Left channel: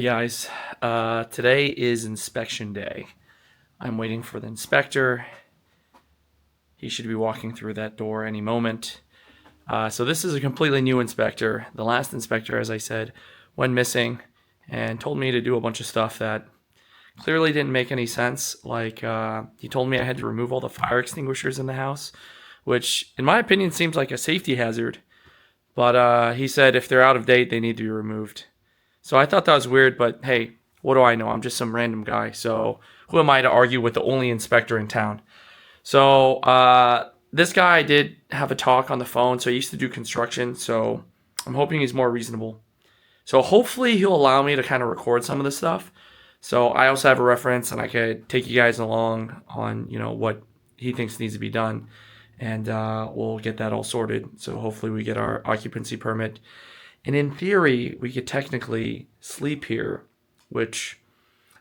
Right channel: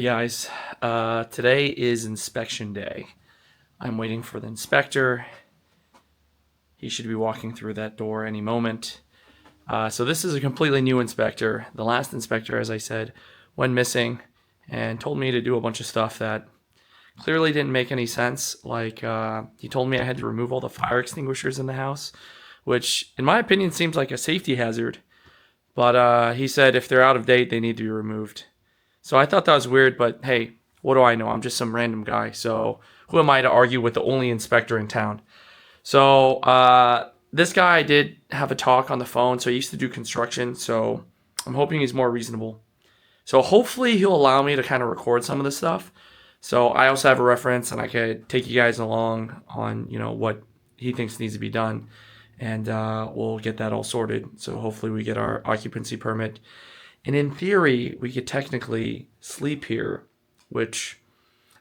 Hey guys, today is inspection day. I'm waiting for the inspector. He should be walking through that door any moment. So this is a completely new inspector. The last inspector, as I said, went missing and told me to do a bunch of stuff that clearly didn't make any sense. Like he told me I had to remove all the fire extinguishers in the house, which in my opinion seems like a safety hazard. But he said if they're out of date, they need to be removed. So I thought that was weird, but hey, what do I know? I'm just some random guy. So who am I to argue with the only inspector in town? So this guy did have a talk on the phone. So he used to do construction. So I'm hoping he's more reasonable. So hopefully he'll allow me to kind of record some of this stuff. So I also have a reference and I could take you guys along on, what he thinks needs to be done. And we'll get that all sorted. So hopefully we get our occupancy permit. And in theory, we could technically sleep here, which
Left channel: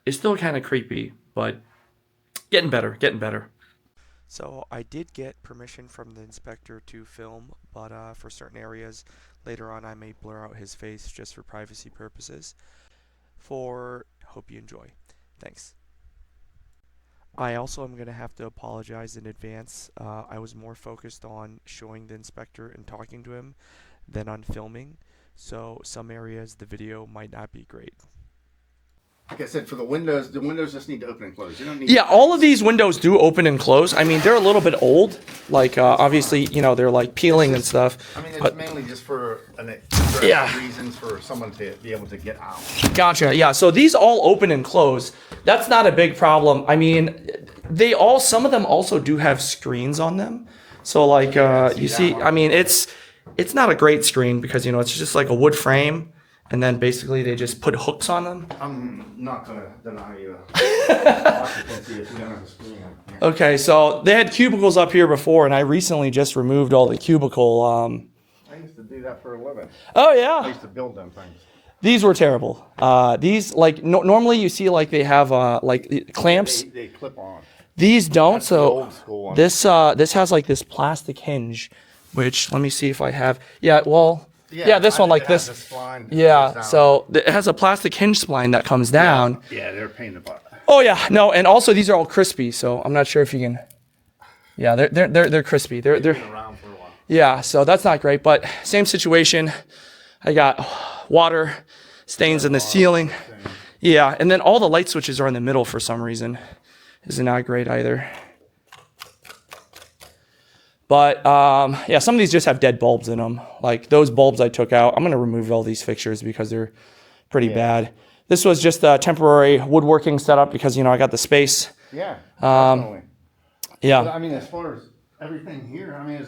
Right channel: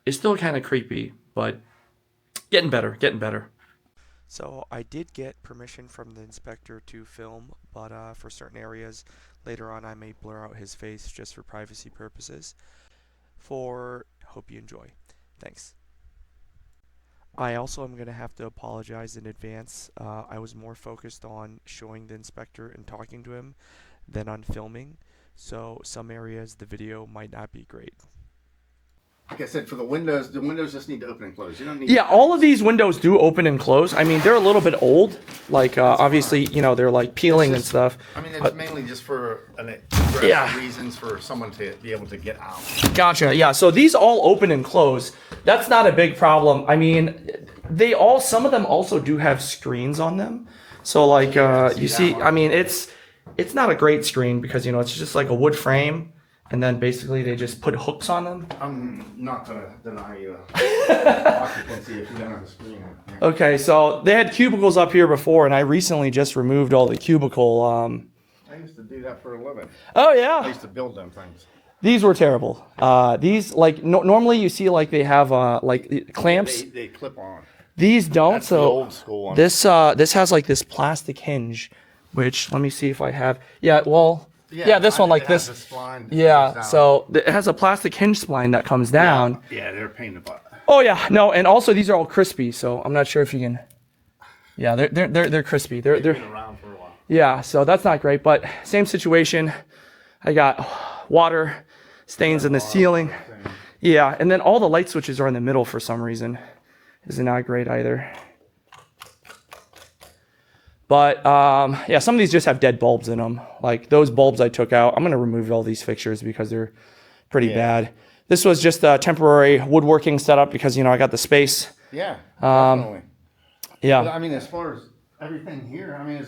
is still kind of creepy, but getting better, getting better. So I did get permission from the inspector to film, but for certain areas later on I may blur out his face just for privacy purposes. Hope you enjoy. Thanks. I also am going to have to apologize in advance. I was more focused on showing the inspector and talking to him than on filming, so some areas the video might not be great. Like I said, for the windows just need to open and close. You don't need. Yeah, all of these windows do open and close. I mean, they're a little bit old. Like, obviously, they're like peeling and stuff. I mean, it's But mainly just for Yeah. reasons for someone to be able to get out. gotcha. Yeah, so these all open and close. That's not a big problem. I mean, some of them also do have screens on them. So like, you see, I mean, it's not a great screen because, it's just like a wood frame. And then basically they just put hooks on them. I'm not going to deny you occupancy if you don't have a screen. Okay, so they had cubicles up here before, and I recently just removed all the cubicle. I used to do that for a living. Oh I yeah, used to build them things. these were terrible. These like normally you see like they have like clamps. They clip on. These don't. That's So the old school one. this has like this plastic hinge, which let me see if I have. Yeah, well, yeah, this I one think like it has this. a spline that Yeah, goes down. so it has a plastic hinge spline that comes down. Yeah, they're a pain in the butt. Oh yeah, no, and also these are all crispy, so I'm not sure if you can. Yeah, they're crispy. They're Been around for a while. yeah, so that's not great, but same situation. I got water stains in the ceiling. Yeah, and then all the light switches are in the middle for some reason. Is not great either. But yeah, some of these just have dead bulbs in them. Like those bulbs I took out. I'm gonna remove all these fixtures because they're pretty bad. This was just a temporary woodworking setup because I got the space. Yeah, definitely. But Yeah. I mean, as far as everything here, I mean,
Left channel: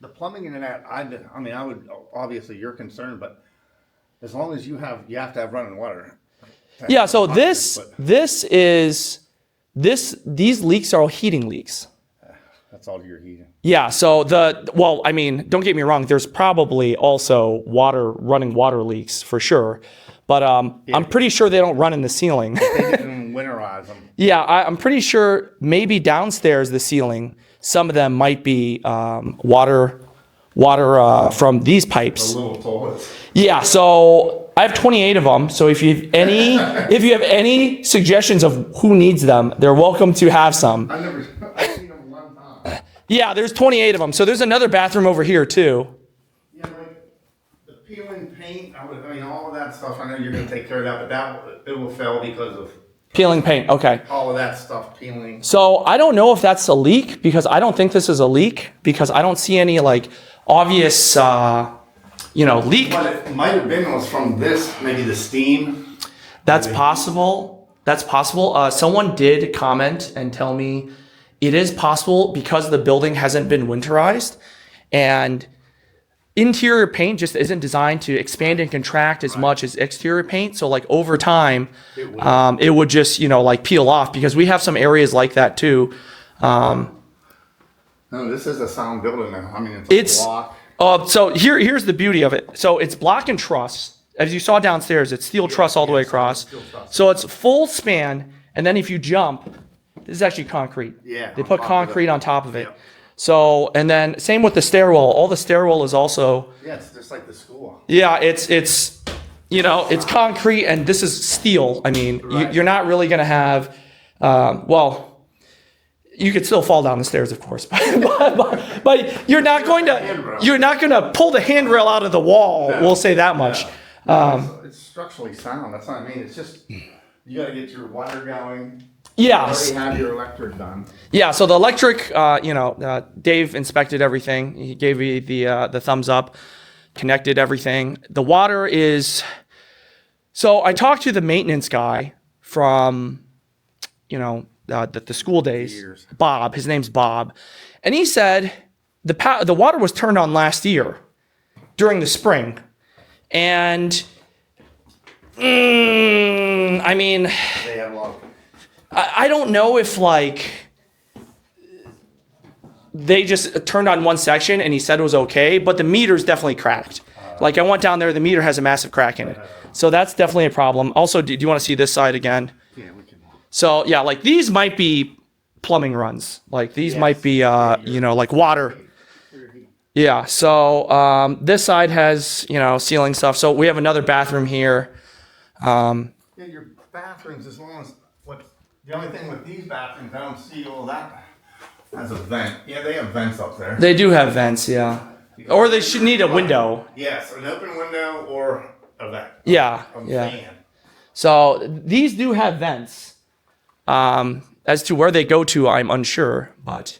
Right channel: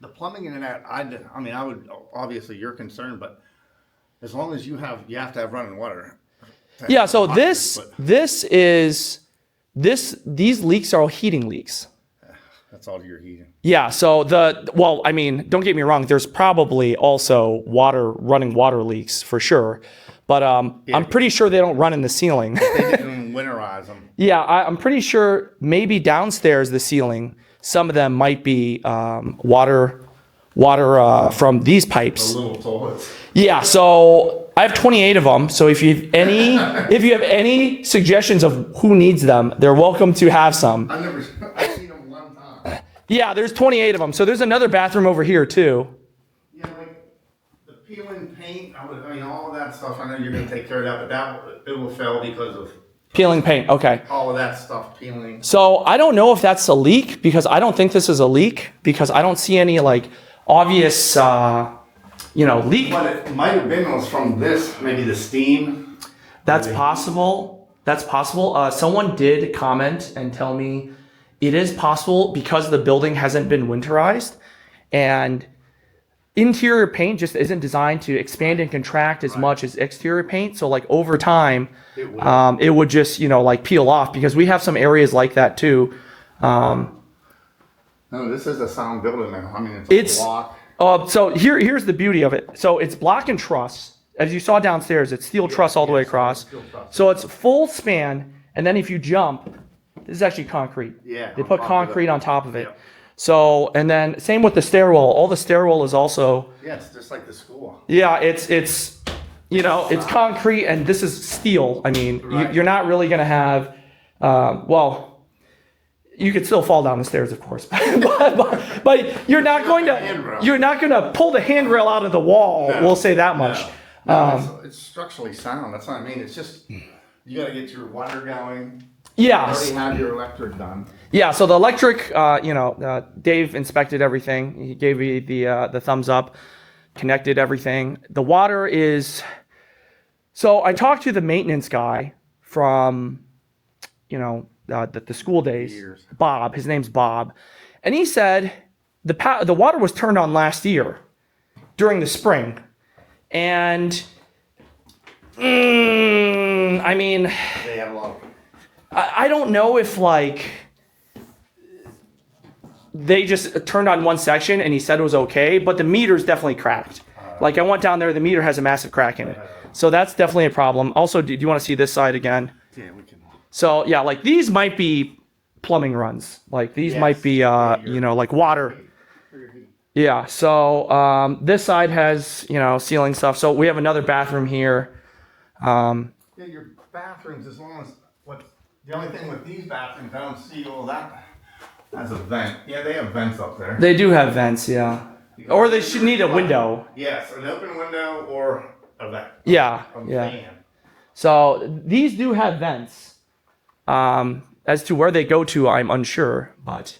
the plumbing and that, I would, obviously you're concerned, but as long as you have to have running water. Yeah, so But these leaks are all heating leaks. that's all your heating. Yeah, so I mean, don't get me wrong, there's probably also running water leaks for sure. But I'm pretty sure they don't run in the ceiling. They can winterize them. Yeah, I'm pretty sure maybe downstairs the ceiling, some of them might be water from these pipes. The little toilets. Yeah, so I have 28 of them. So if you have any suggestions of who needs them, they're welcome to have some. I've seen them one time. Yeah, there's 28 of them. So there's another bathroom over here too. Yeah, like the peeling paint, I mean, all of that stuff, I know you're gonna take care of that, but it will fail because of Peeling paint. Okay. all of that stuff peeling. So I don't know if that's a leak because I don't think this is a leak because I don't see any like obvious, leak. What it might have been was from this, maybe the steam. That's possible. That's possible. Someone did comment and tell me it is possible because the building hasn't been winterized and interior paint just isn't designed to expand and contract as much as exterior paint. So like over time, it would just, like peel off because we have some areas like that too. No, this is a sound building now. I mean, it's a block. So here's the beauty of it. So it's block and truss. As you saw downstairs, it's steel truss all the way across. So it's full span. And then if you jump, this is actually concrete. Yeah, They on put top of concrete it. on top of it. Yeah. So, and then same with the stairwell. All the stairwell is also, Yes, just like the school. yeah, it's it's concrete and this is steel. I mean, you're not really going to have, you could still fall down the stairs, of course, but you're not going to pull the handrail out of the wall. No. We'll say that much. It's structurally sound. That's what I mean. It's just you got to get your water going. Yes. You already have your electric done. Yeah. So the electric, Dave inspected everything. He gave me the thumbs up, connected everything. The water is. So I talked to the maintenance guy from, the school days, Bob. His name's Bob, and he said the water was turned on last year during the spring, and I mean, They have a lot of. I don't know if they just turned on one section and he said it was okay, but the meter's definitely cracked. I went down there, the meter has a massive crack in it. So that's definitely a problem. Also, do you want to see this side again? Yeah, we can. So yeah, these might be plumbing runs. These might be, water. Yeah. So this side has, ceiling stuff. So we have another bathroom here. Yeah, your bathrooms, as long as the only thing with these bathrooms, I don't see all that as a vent. Yeah, they have vents up there. They do have vents, yeah. Or they should need a window. Yes, an open window or a vent. Yeah, I'm yeah. saying. So these do have vents. As to where they go to, I'm unsure, but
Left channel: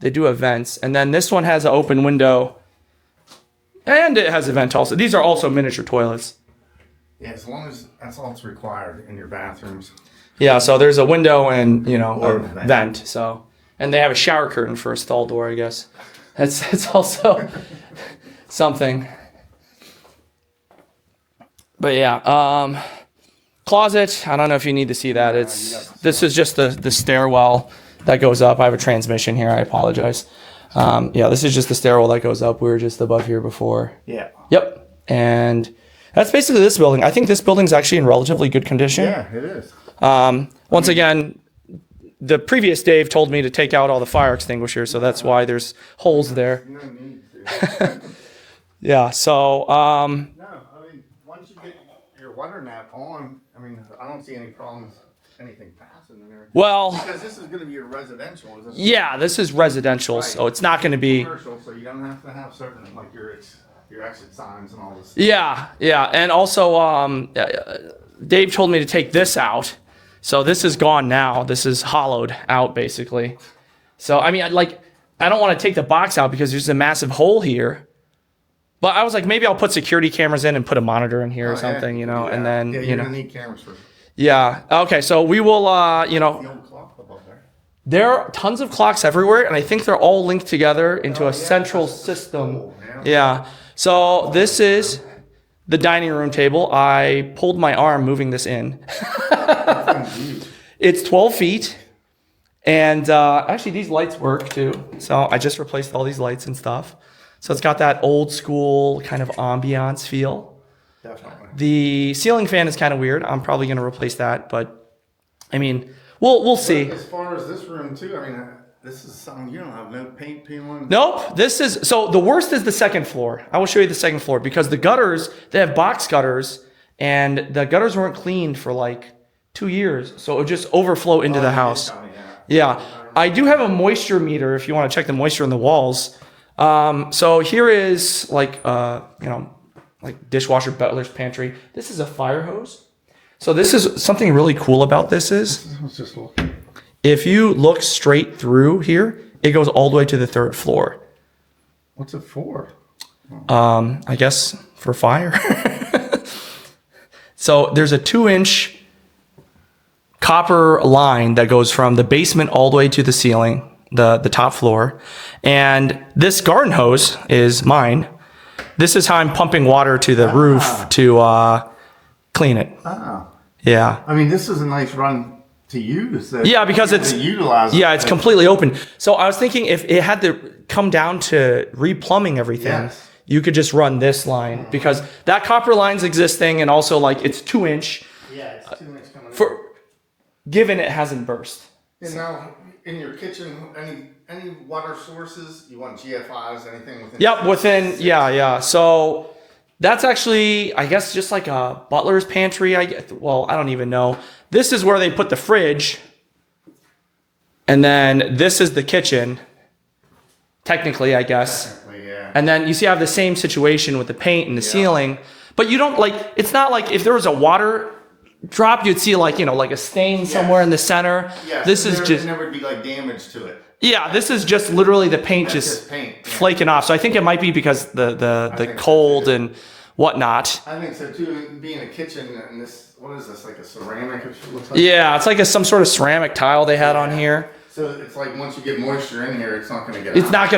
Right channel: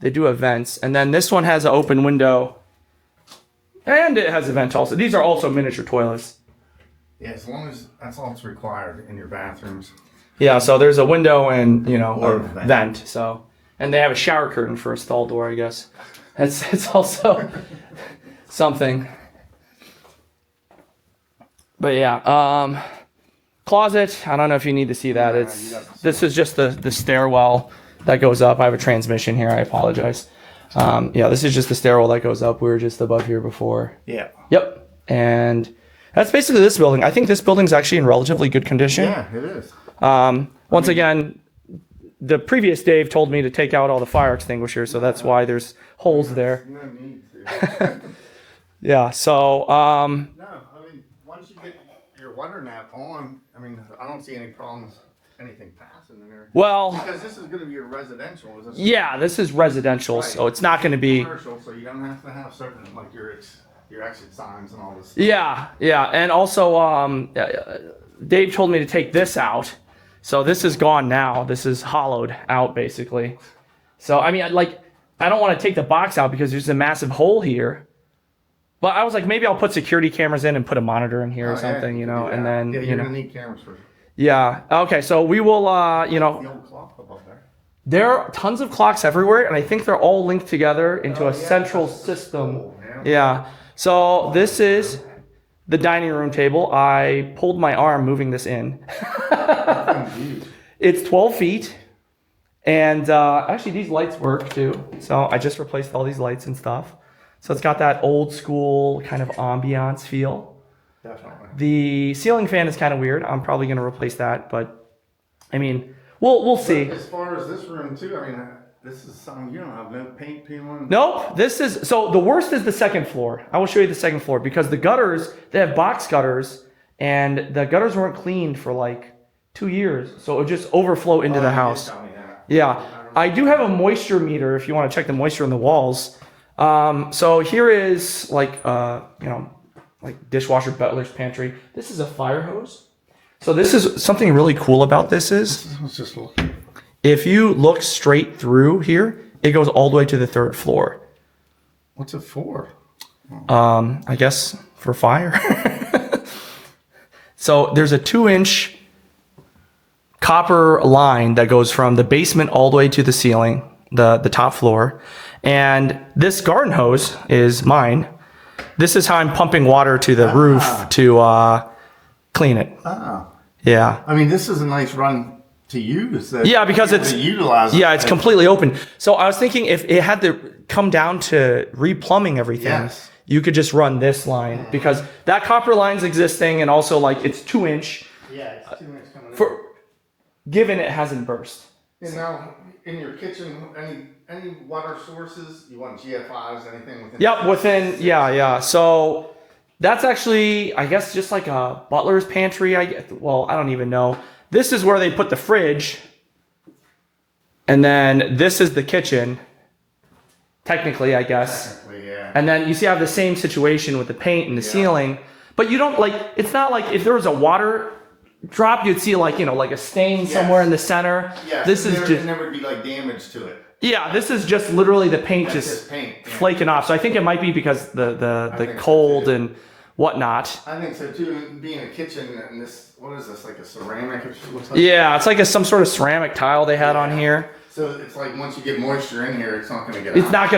they do have vents. And then this one has an open window, and it has a vent also. These are also miniature toilets. Yeah, as long as that's all that's required in your bathrooms. Yeah, so there's a window and Or a a vent. vent. So, and they have a shower curtain for a stall door, I guess. It's also something. But yeah, closet. I don't know if you need to see that. This is just the stairwell that goes up. I have a transmission here. I apologize. This is just the stairwell that goes up. We were just above here before. Yeah. Yep. And that's basically this building. I think this building's actually in relatively good condition. Yeah, it is. Once again, the previous Dave told me to take out all the fire extinguishers, so that's why there's holes there. No need to. Yeah, so, No, I mean, once you get your water nap on, I don't see any problems, anything passing in there. well, Because this is going to be a residential. Is this yeah, this is residential, so it's not going to be... commercial, so you don't have to have certain, your exit signs and all this. Yeah, and also, Dave told me to take this out, so this is gone now. This is hollowed out, basically. So, I don't want to take the box out because there's a massive hole here. But I was like, maybe I'll put security cameras in and put a monitor in here or something, and then, you're going to need cameras for Yeah. Okay. So we will, the old clock above there. there are tons of clocks everywhere, and I think they're all linked together into a central system. Cool, Yeah. So this is the dining room table. I pulled my arm moving this in. It's 12 feet. And actually, these lights work too. So I just replaced all these lights and stuff. So it's got that old school kind of ambiance feel. Definitely. The ceiling fan is kind of weird. I'm probably going to replace that, but we'll see. As far as this room too, this is something you don't have no paint on. Nope. So the worst is the second floor. I will show you the second floor because the gutters, they have box gutters and the gutters weren't cleaned for 2 years. So it would just overflow into the house. Yeah. I do have a moisture meter if you want to check the moisture in the walls. So here is like dishwasher, butler's pantry. This is a fire hose. So this is something really cool about this is Let's just look. if you look straight through here, it goes all the way to the third floor. What's it for? I guess for fire. So there's a 2-inch copper line that goes from the basement all the way to the ceiling, the top floor. And this garden hose is mine. This is how I'm pumping water to the roof to clean it. Oh. Yeah. This is a nice run to use. Yeah, because it's utilized. yeah, it's completely open. So I was thinking if it had to come down to replumbing everything, Yes. you could just run this line because that copper line's existing and also it's 2-inch. Yeah, it's 2 inch coming. Given it hasn't burst. And now in your kitchen, any water sources, you want GFIs, anything within? Yep, within yeah. So That's actually, I guess, just like a butler's pantry. Well, I don't even know. This is where they put the fridge. And then this is the kitchen. Technically, I guess. Technically, yeah. And then you see I have the same situation with the paint and the ceiling. But you don't like, it's not like if there was a water drop, you'd see like, like a stain somewhere in the center. Yeah, This is just, there would be like damage to it. yeah, this is just literally the paint That's just just paint, yeah. flaking off. So I think it might be because the think so, cold too. and whatnot. I think so too. Being a kitchen and this, what is this? Like a ceramic? It looks like. Yeah, it's like some sort of ceramic tile they had on here. So it's like once you get moisture in here, it's not going to get. It's out.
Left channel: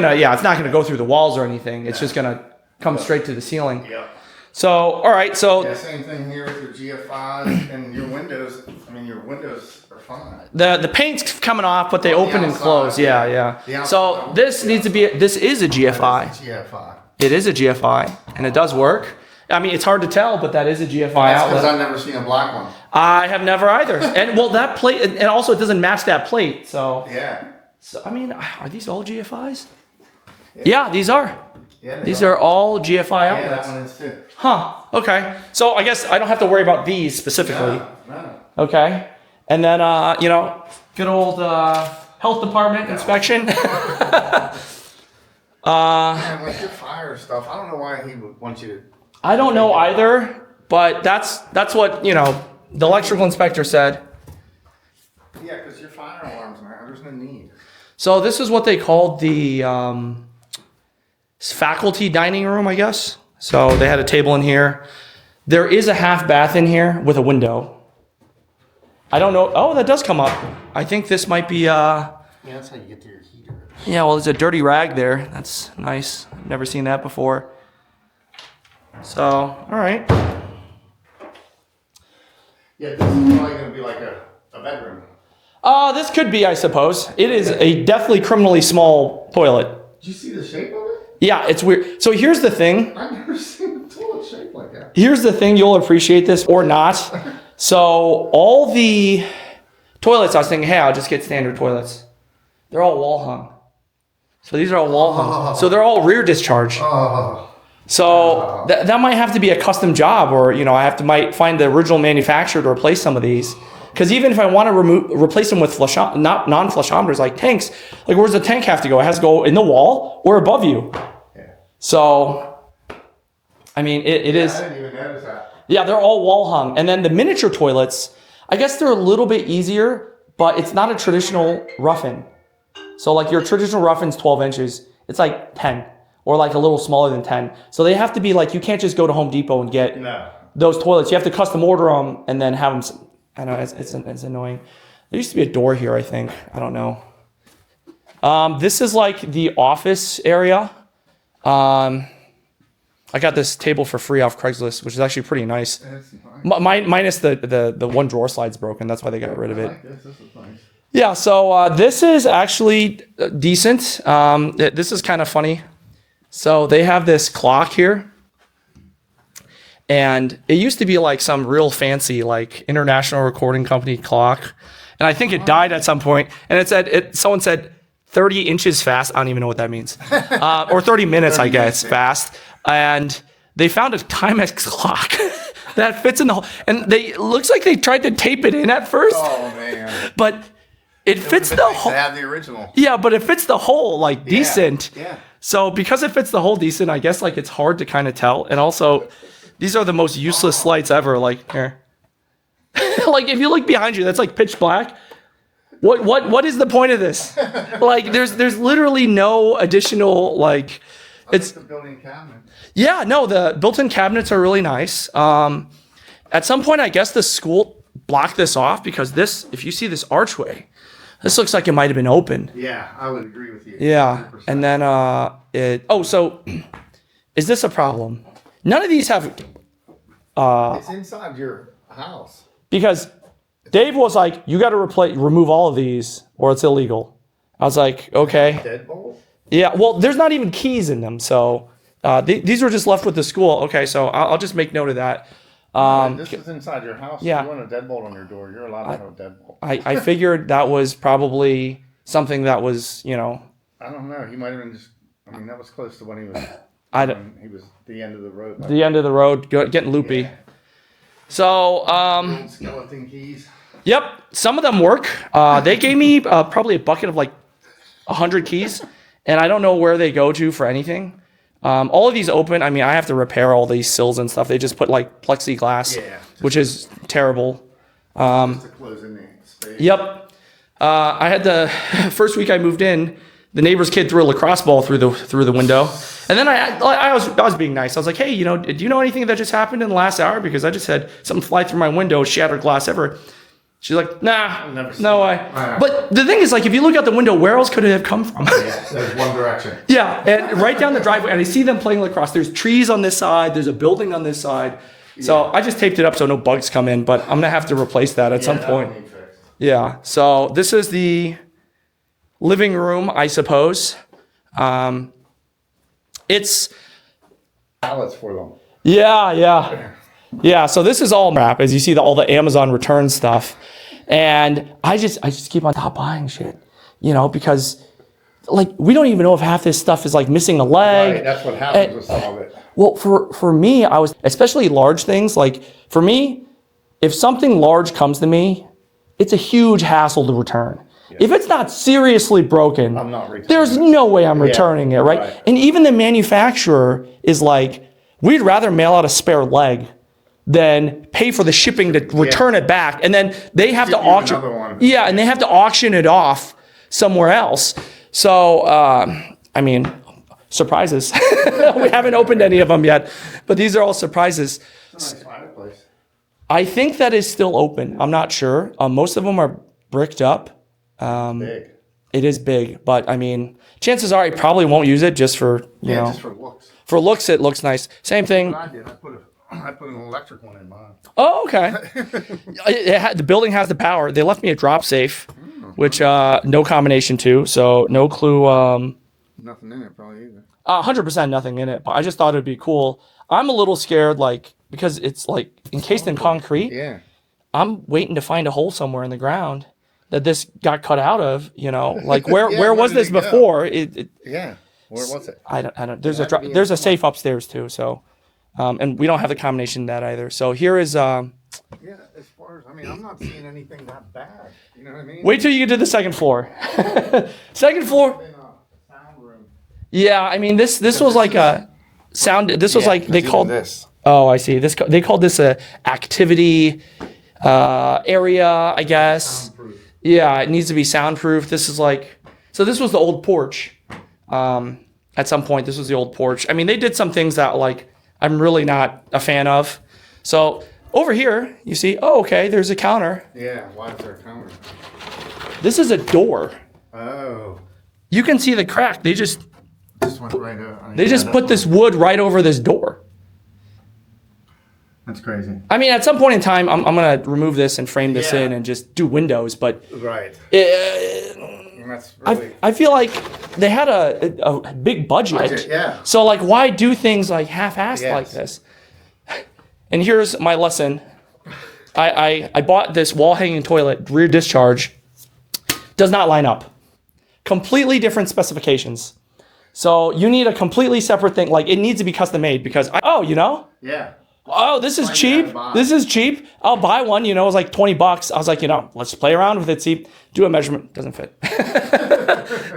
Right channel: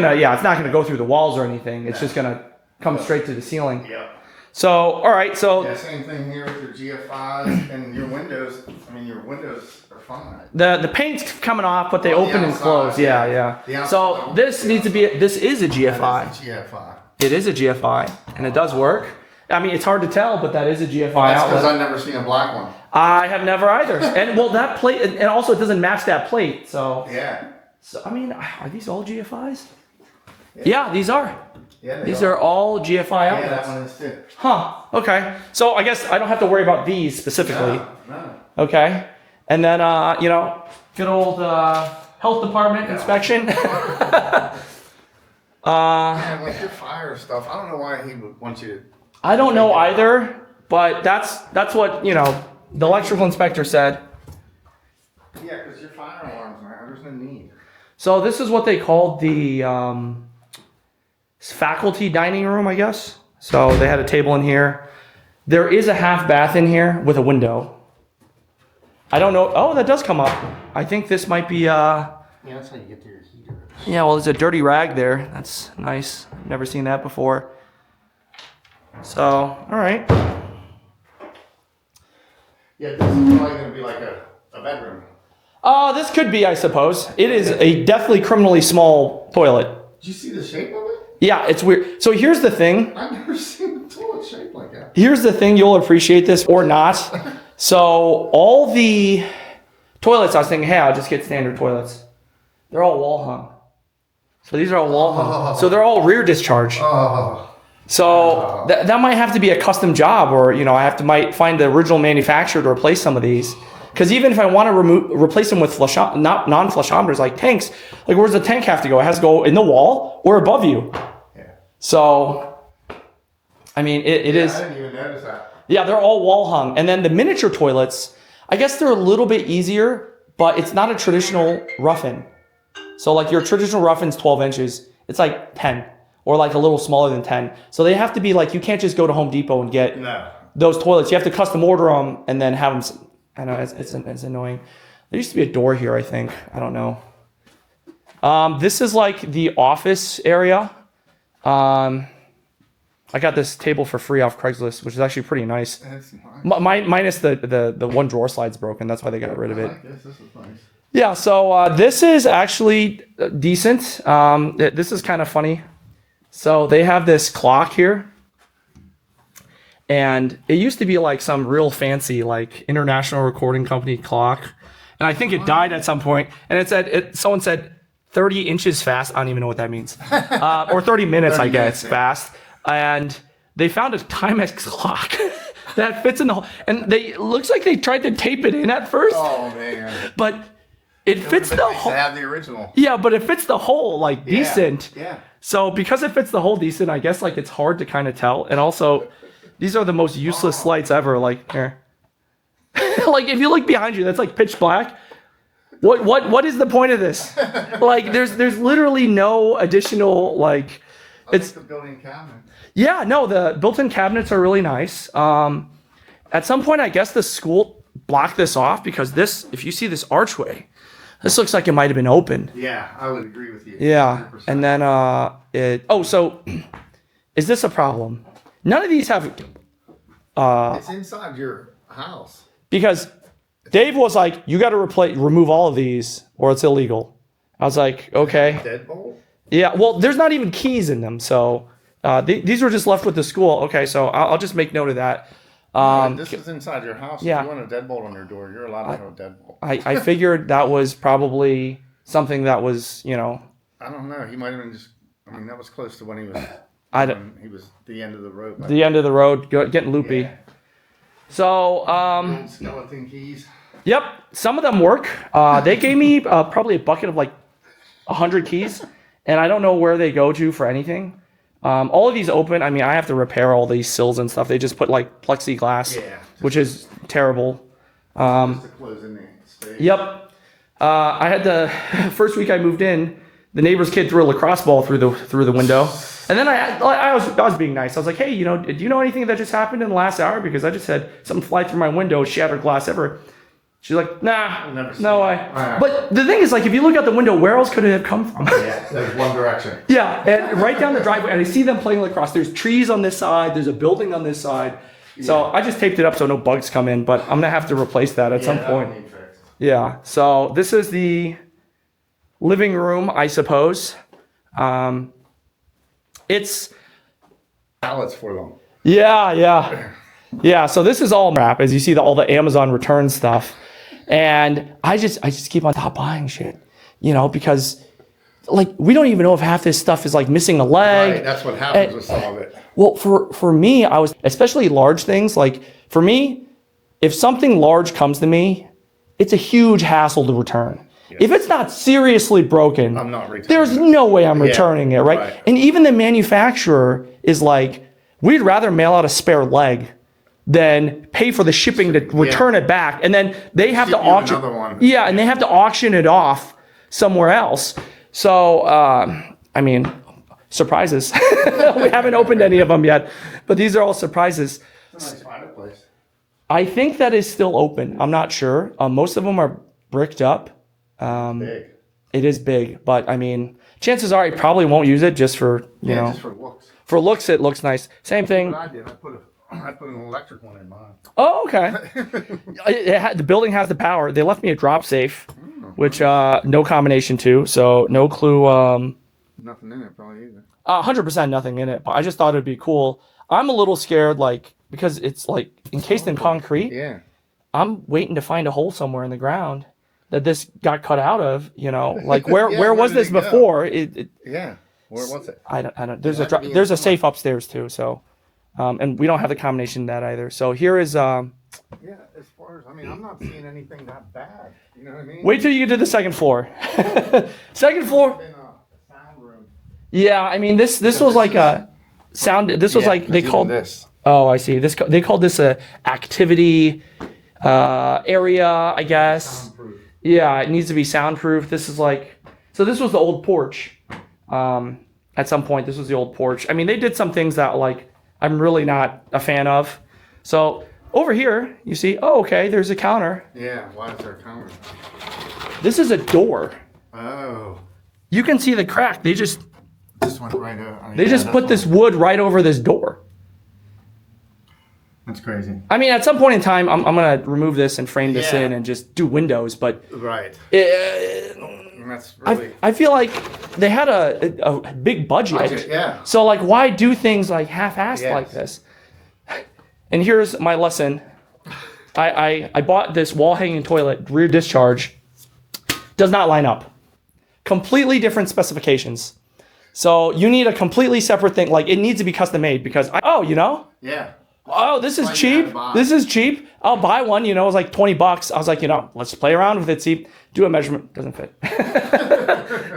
not gonna go through the walls or anything. It's just gonna come straight to the ceiling. Yeah. So, all right, so Yeah. Same thing here with your GFIs and your windows. I mean, your windows are fine. the paint's coming off, but they On the open and outside, close. Yeah, yeah. The yeah. So outside, this the needs to be. This is a GFI. That's a GFI. It is a GFI, and it does work. I mean, it's hard to tell, but that is a GFI That's because outlet. I've never seen a black one. I have never either. And well, that plate, and also it doesn't match that plate. So, Yeah. I mean, are these all GFIs? Yeah, these are. Yeah. These are all GFI Yeah, that outlets. one is too. Huh. Okay. So I guess I don't have to worry about these specifically. No. Okay. And then, good old health department inspection. And like your fire stuff, I don't know why he would want you to. I don't know either, but that's what the electrical inspector said. Yeah, because your fire alarms, man, there's no need. So this is what they called the faculty dining room, I guess. So they had a table in here. There is a half bath in here with a window. I don't know. Oh, that does come up. I think this might be. Yeah, that's how you get to your heater. Yeah, well, there's a dirty rag there. That's nice. I've never seen that before. So, all right. Yeah, this is probably going to be like a bedroom. This could be, I suppose. It is a definitely criminally small toilet. Did you see the shape of it? Yeah, it's weird. So here's the thing. I've never seen a toilet shaped like that. Here's the thing. You'll appreciate this or not. So all the toilets, I was thinking, hey, I'll just get standard toilets. They're all wall hung. So these are all wall hung. So they're all rear discharge. Oh. So that might have to be a custom job, or might find the original manufacturer to replace some of these. Because even if I want to replace them with non-flushometers like tanks, like where's the tank have to go? It has to go in the wall or above you. Yeah. So, I mean, it is. I didn't even notice that. Yeah, they're all wall hung. And then the miniature toilets, I guess they're a little bit easier, but it's not a traditional rough-in. So like your traditional rough-in's 12 inches, it's like 10 or like a little smaller than 10. So they have to be like, you can't just go to Home Depot and get No. those toilets. You have to custom order them and then have them. I know it's annoying. There used to be a door here, I think. I don't know. This is like the office area. I got this table for free off Craigslist, which is actually pretty nice. That's nice. Minus the one drawer slide's broken. That's why they got rid of I it. like this. This is nice. Yeah, so this is actually decent. This is kind of funny. So they have this clock here. And it used to be like some real fancy, like international recording company clock. And I think it died at some point. And it said, someone said 30 inches fast. I don't even know what that means. Or 30 minutes, 30 I guess, minutes, yeah. fast. And they found a Timex clock that fits in the hole. And it looks like they tried to tape it in at first, Oh, man. but it fits the Nice to hole. have the original. Yeah, but it fits the hole like decent. Yeah. So because it fits the hole decent, I guess like it's hard to kind of tell. And also, these are the most useless lights ever. Like here, like if you look behind you, that's like pitch black. What is the point of this? Like there's literally no additional like. It's the building cabinet. yeah, no, the built-in cabinets are really nice. At some point, I guess the school blocked this off because this, if you see this archway, this looks like it might have been open. Yeah, I would agree with you. Yeah, 100%. and then so is this a problem? None of these have It's inside your house. because Dave was like, you got to remove all of these or it's illegal. I was like, okay. Deadbolt? Yeah, well, there's not even keys in them, so these were just left with the school. Okay, so I'll just make note of that. This is inside your house. yeah. If you want a deadbolt on your door, you're allowed to have a deadbolt. I figured that was probably something that was, I don't know. He might have been just. I mean, that was close to when he was. I don't. He was the end of the road. The end of the road, getting loopy. Yeah. So, Old skeleton keys. yep, some of them work. They gave me probably a bucket of like 100 keys, and I don't know where they go to for anything. All of these open. I mean, I have to repair all these sills and stuff. They just put like plexiglass, Yeah. which is terrible. Just to close in the space. Yep. I had the first week I moved in, the neighbor's kid threw a lacrosse ball through the window, and then I was being nice. I was like, hey, do you know anything that just happened in the last hour? Because I just had something fly through my window, shattered glass ever. She's like, nah, never no seen way. Right. But the thing is, like, if you look out the window, where else could it have come from? Yeah, there's one direction. Yeah, and right down the driveway, and I see them playing lacrosse. There's trees on this side. There's a building on this side. So I just taped it up so no bugs come in, but I'm gonna have to replace that at some that point. one needs fixed. Yeah. So this is the living room, I suppose. It's Pallets for them. yeah. So this is all crap, as you see all the Amazon return stuff, and I just keep on top buying shit, because like we don't even know if half this stuff is like missing a leg. Right, that's what happens with some of it. Well, for me, I was especially large things. Like for me, if something large comes to me, it's a huge hassle to return. If it's not seriously broken, I'm not returning there's it. no way I'm returning it, right? right. And even the manufacturer is like, we'd rather mail out a spare leg than pay for the shipping to return it back, and then they have to Ship you auction. another one. Yeah, and they have to auction it off somewhere else. So, I mean, surprises. We haven't opened any of them yet, but these are all surprises. It's a nice fireplace. I think that is still open. I'm not sure. Most of them are bricked up. Big. It is big, but I mean, chances are I probably won't use it just for, you know, Just for looks. for looks, it looks nice. Same thing. What I did, I put an electric one in mine. Oh, okay. The building has the power. They left me a drop safe, which no combination to, so no clue. Nothing in it probably either. 100% nothing in it, but I just thought it'd be cool. I'm a little scared, like, because it's like encased in concrete. Yeah. I'm waiting to find a hole somewhere in the ground that this got cut out of. Like where Yeah, where where was did this it go? before? Yeah. Where was it? I don't. There's It had to be there's a inside. safe upstairs too. So, and we don't have the combination of that either. So here is. Yeah, as far as, I'm not seeing anything that bad. You know what I mean? Wait till you get to the second floor. Second floor. In a sound room. Yeah, I mean this was like a sound. This was like they called. this. Oh, I see. They called this a activity area, I guess. Soundproof. Yeah, it needs to be soundproof. This is like, so this was the old porch. At some point, this was the old porch. I mean, they did some things that like I'm really not a fan of. So over here, you see, oh, okay, there's a counter. Yeah, why is there a counter? This is a door. Oh. You can see the crack. They just This one right over. They just put this wood right over this door. That's crazy. I mean, at some point in time, I'm gonna remove this and frame this Yeah. in and just do windows. But Right. it, And that's really. I feel like they had a big budget. Budget, yeah. So like, why do things like half-assed Yes. like this? And here's my lesson. I bought this wall hanging toilet, rear discharge. Does not line up. Completely different specifications. So you need a completely separate thing. Like it needs to be custom made because Yeah. oh, this is Why you cheap. gotta buy? This is cheap. I'll buy one. It was like $20. I was like, let's play around with it. See, do a measurement. Doesn't fit.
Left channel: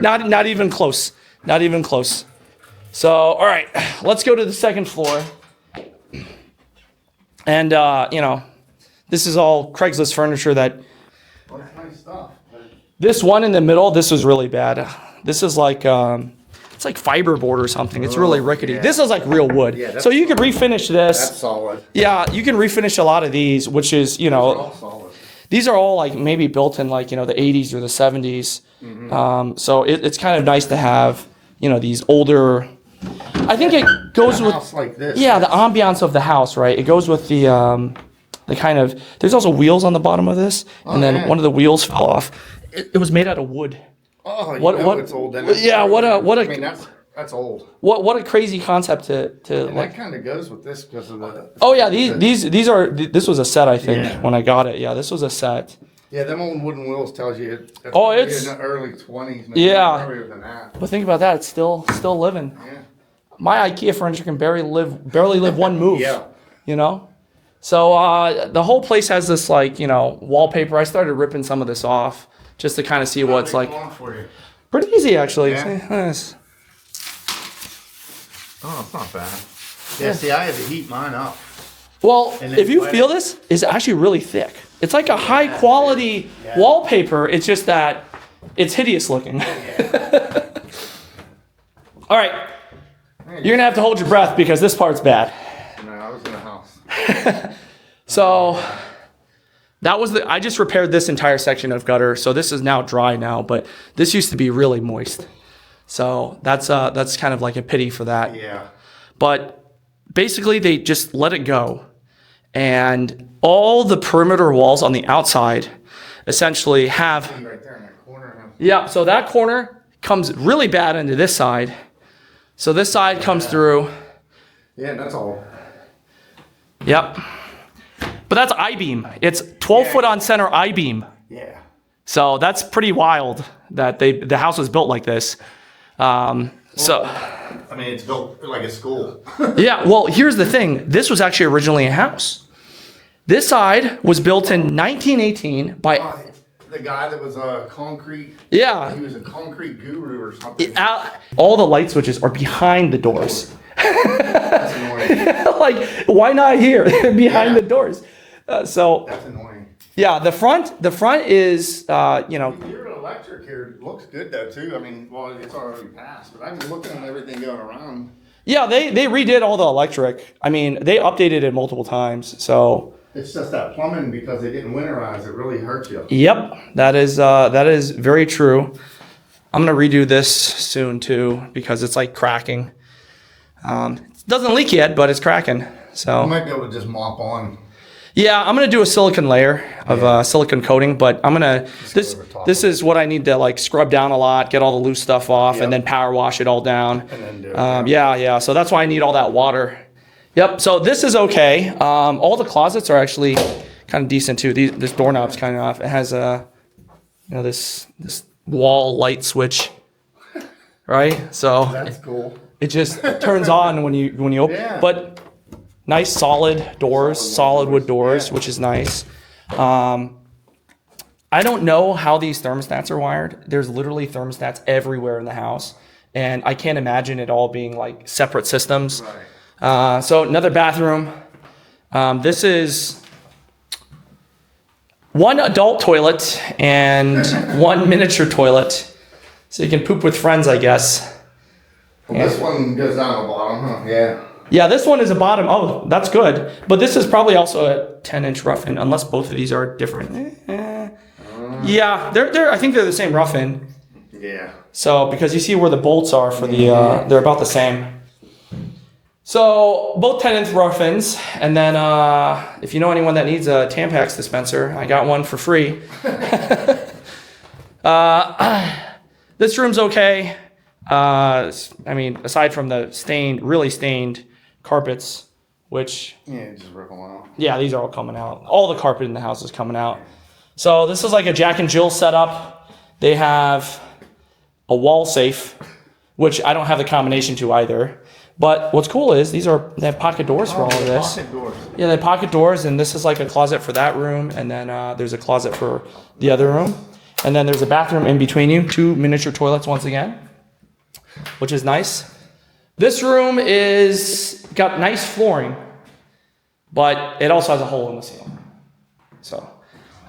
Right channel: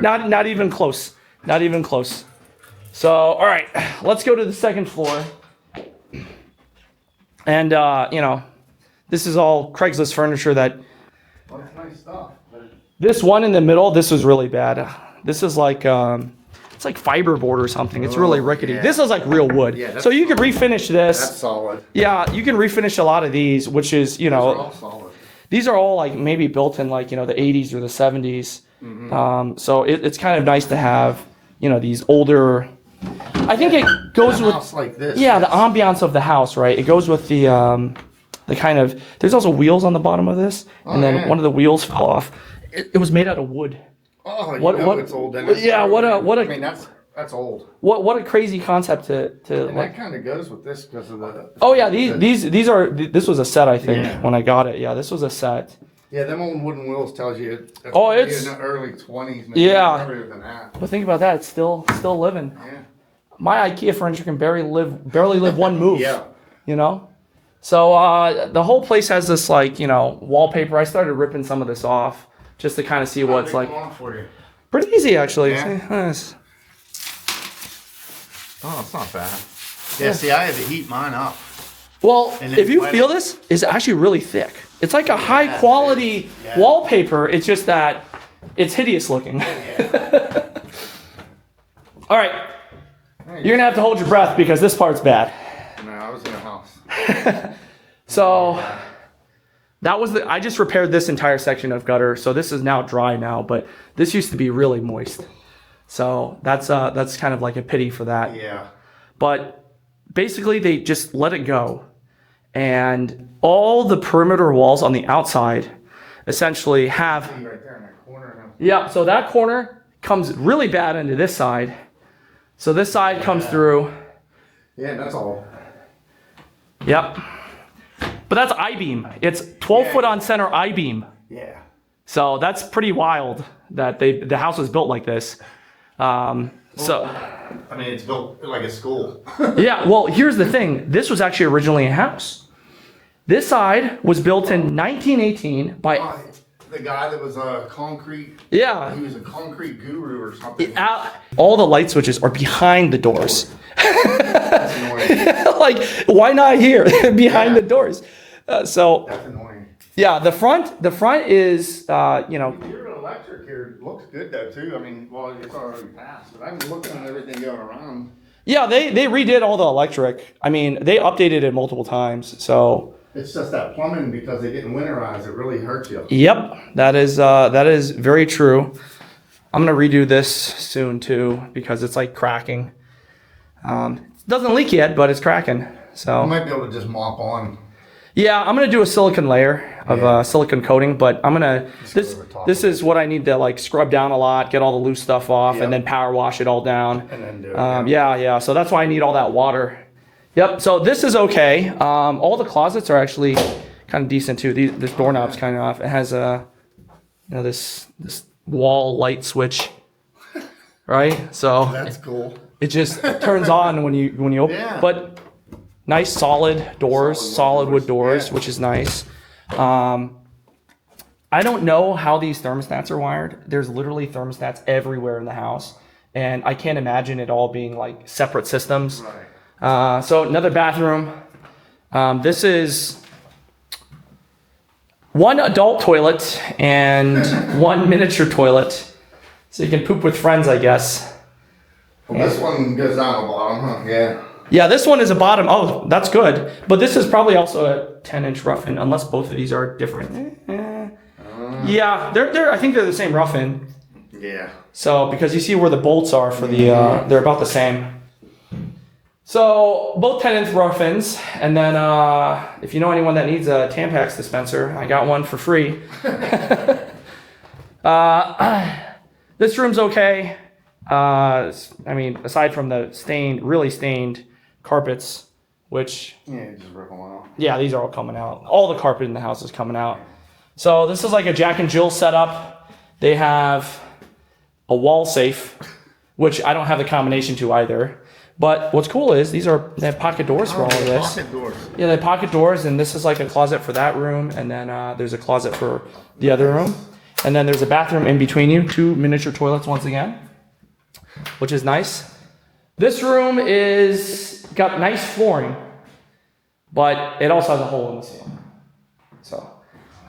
Not even close. Not even close. So, all right, let's go to the second floor. And this is all Craigslist furniture that. Well, it's nice stuff. This one in the middle, this was really bad. This is like it's like fiberboard or something. It's really rickety. yeah. This is like real wood. Yeah, that's so you could refinish this. That's solid. Yeah, you can refinish a lot of these, which is, They're all solid. these are all like maybe built in like, the 80s or the 70s. So it's kind of nice to have, these older, I think it goes A with, house like this. yeah, the ambiance of the house, right? It goes with the kind of, there's also wheels on the bottom of this. And then yeah. one of the wheels fell off. It was made out of wood. Oh, What- what- it's old. Then. yeah, what a- I mean, that's old. What a crazy concept to And like. that kind of goes with this because of the. Oh yeah, this was a set, I think, Yeah. when I got it. Yeah, this was a set. Yeah, them old wooden wheels tells you. That's Oh, probably it's- in the early 20s. Maybe Yeah. earlier than that. But think about that, it's still living. Yeah. my IKEA furniture can barely live one move. Yeah. You know? So the whole place has this like, wallpaper. I started ripping some of this off just to kind of see what it's like. Come on for you. Pretty easy actually. Yeah. See, nice. Oh, that's not bad. Yeah, see, I had to heat mine up. Well, And then if you wet feel it. this, it's actually really thick. It's like a high quality Yeah. wallpaper. It's just that it's hideous looking. All right. You're going to have to hold your breath because this part's bad. No, I was in a house. So that was I just repaired this entire section of gutter. So this is now dry now, but this used to be really moist. So that's kind of like a pity for that. Yeah. But basically they just let it go. And all the perimeter walls on the outside essentially have, Right there in that corner now. yeah, so that corner comes really bad into this side. So this side comes through. Yeah, that's all. Yep. But that's I-beam. It's 12 Yeah. foot on center I-beam. Yeah. So that's pretty wild that the house was built like this. So I mean, it's built like a school. yeah, well, here's the thing. This was actually originally a house. This side was built in 1918 by, The guy that was a concrete, yeah, he was a concrete guru or something. all the light switches are behind the doors. That's annoying. Like, why not here behind Yeah. the doors? So That's annoying. yeah, the front is, Your electric here looks good though too. I mean, well, it's already passed, but I'm looking at everything going around. yeah, they redid all the electric. I mean, they updated it multiple times. So It's just that plumbing because they didn't winterize. It really hurts you. yep, that is very true. I'm gonna redo this soon too because it's like cracking. It doesn't leak yet, but it's cracking. You So might be able to just mop on. yeah, I'm gonna do a silicone layer of silicone coating, but I'm gonna over top this is what I need to like scrub down a lot, get all the loose stuff off, Yep. and then power wash it all down. And then do it. Yeah. So that's why I need all that water. Yep. So this is okay. All the closets are actually kind of decent too. This doorknob's kind of off. It has this wall light switch, right? So That's cool. it just turns on when you open. Yeah. But nice solid doors, solid wood doors, Yeah. which is nice. I don't know how these thermostats are wired. There's literally thermostats everywhere in the house, and I can't imagine it all being like separate systems. Right. So another bathroom. This is one adult toilet and one miniature toilet, so you can poop with friends, I guess. Well, this one goes down the bottom, huh? Yeah. Yeah, this one is a bottom. Oh, that's good. But this is probably also a 10-inch rough-in, unless both of these are different. Yeah, they're. I think they're the same rough-in. Yeah. So because you see where the bolts are for the, they're about the same. So both 10-inch rough-ins, and then if you know anyone that needs a Tampax dispenser, I got one for free. This room's okay. I mean, aside from the really stained carpets, which, Yeah, just rip them out. yeah, these are all coming out. All the carpet in the house is coming out. So this is like a Jack and Jill setup. They have a wall safe, which I don't have the combination to either. But what's cool is they have pocket doors for all of this. Pocket doors. Yeah, they have pocket doors, and this is like a closet for that room, and then there's a closet for the other room. And then there's a bathroom in between you, 2 miniature toilets once again, which is nice. This room got nice flooring, but it also has a hole in the ceiling. So,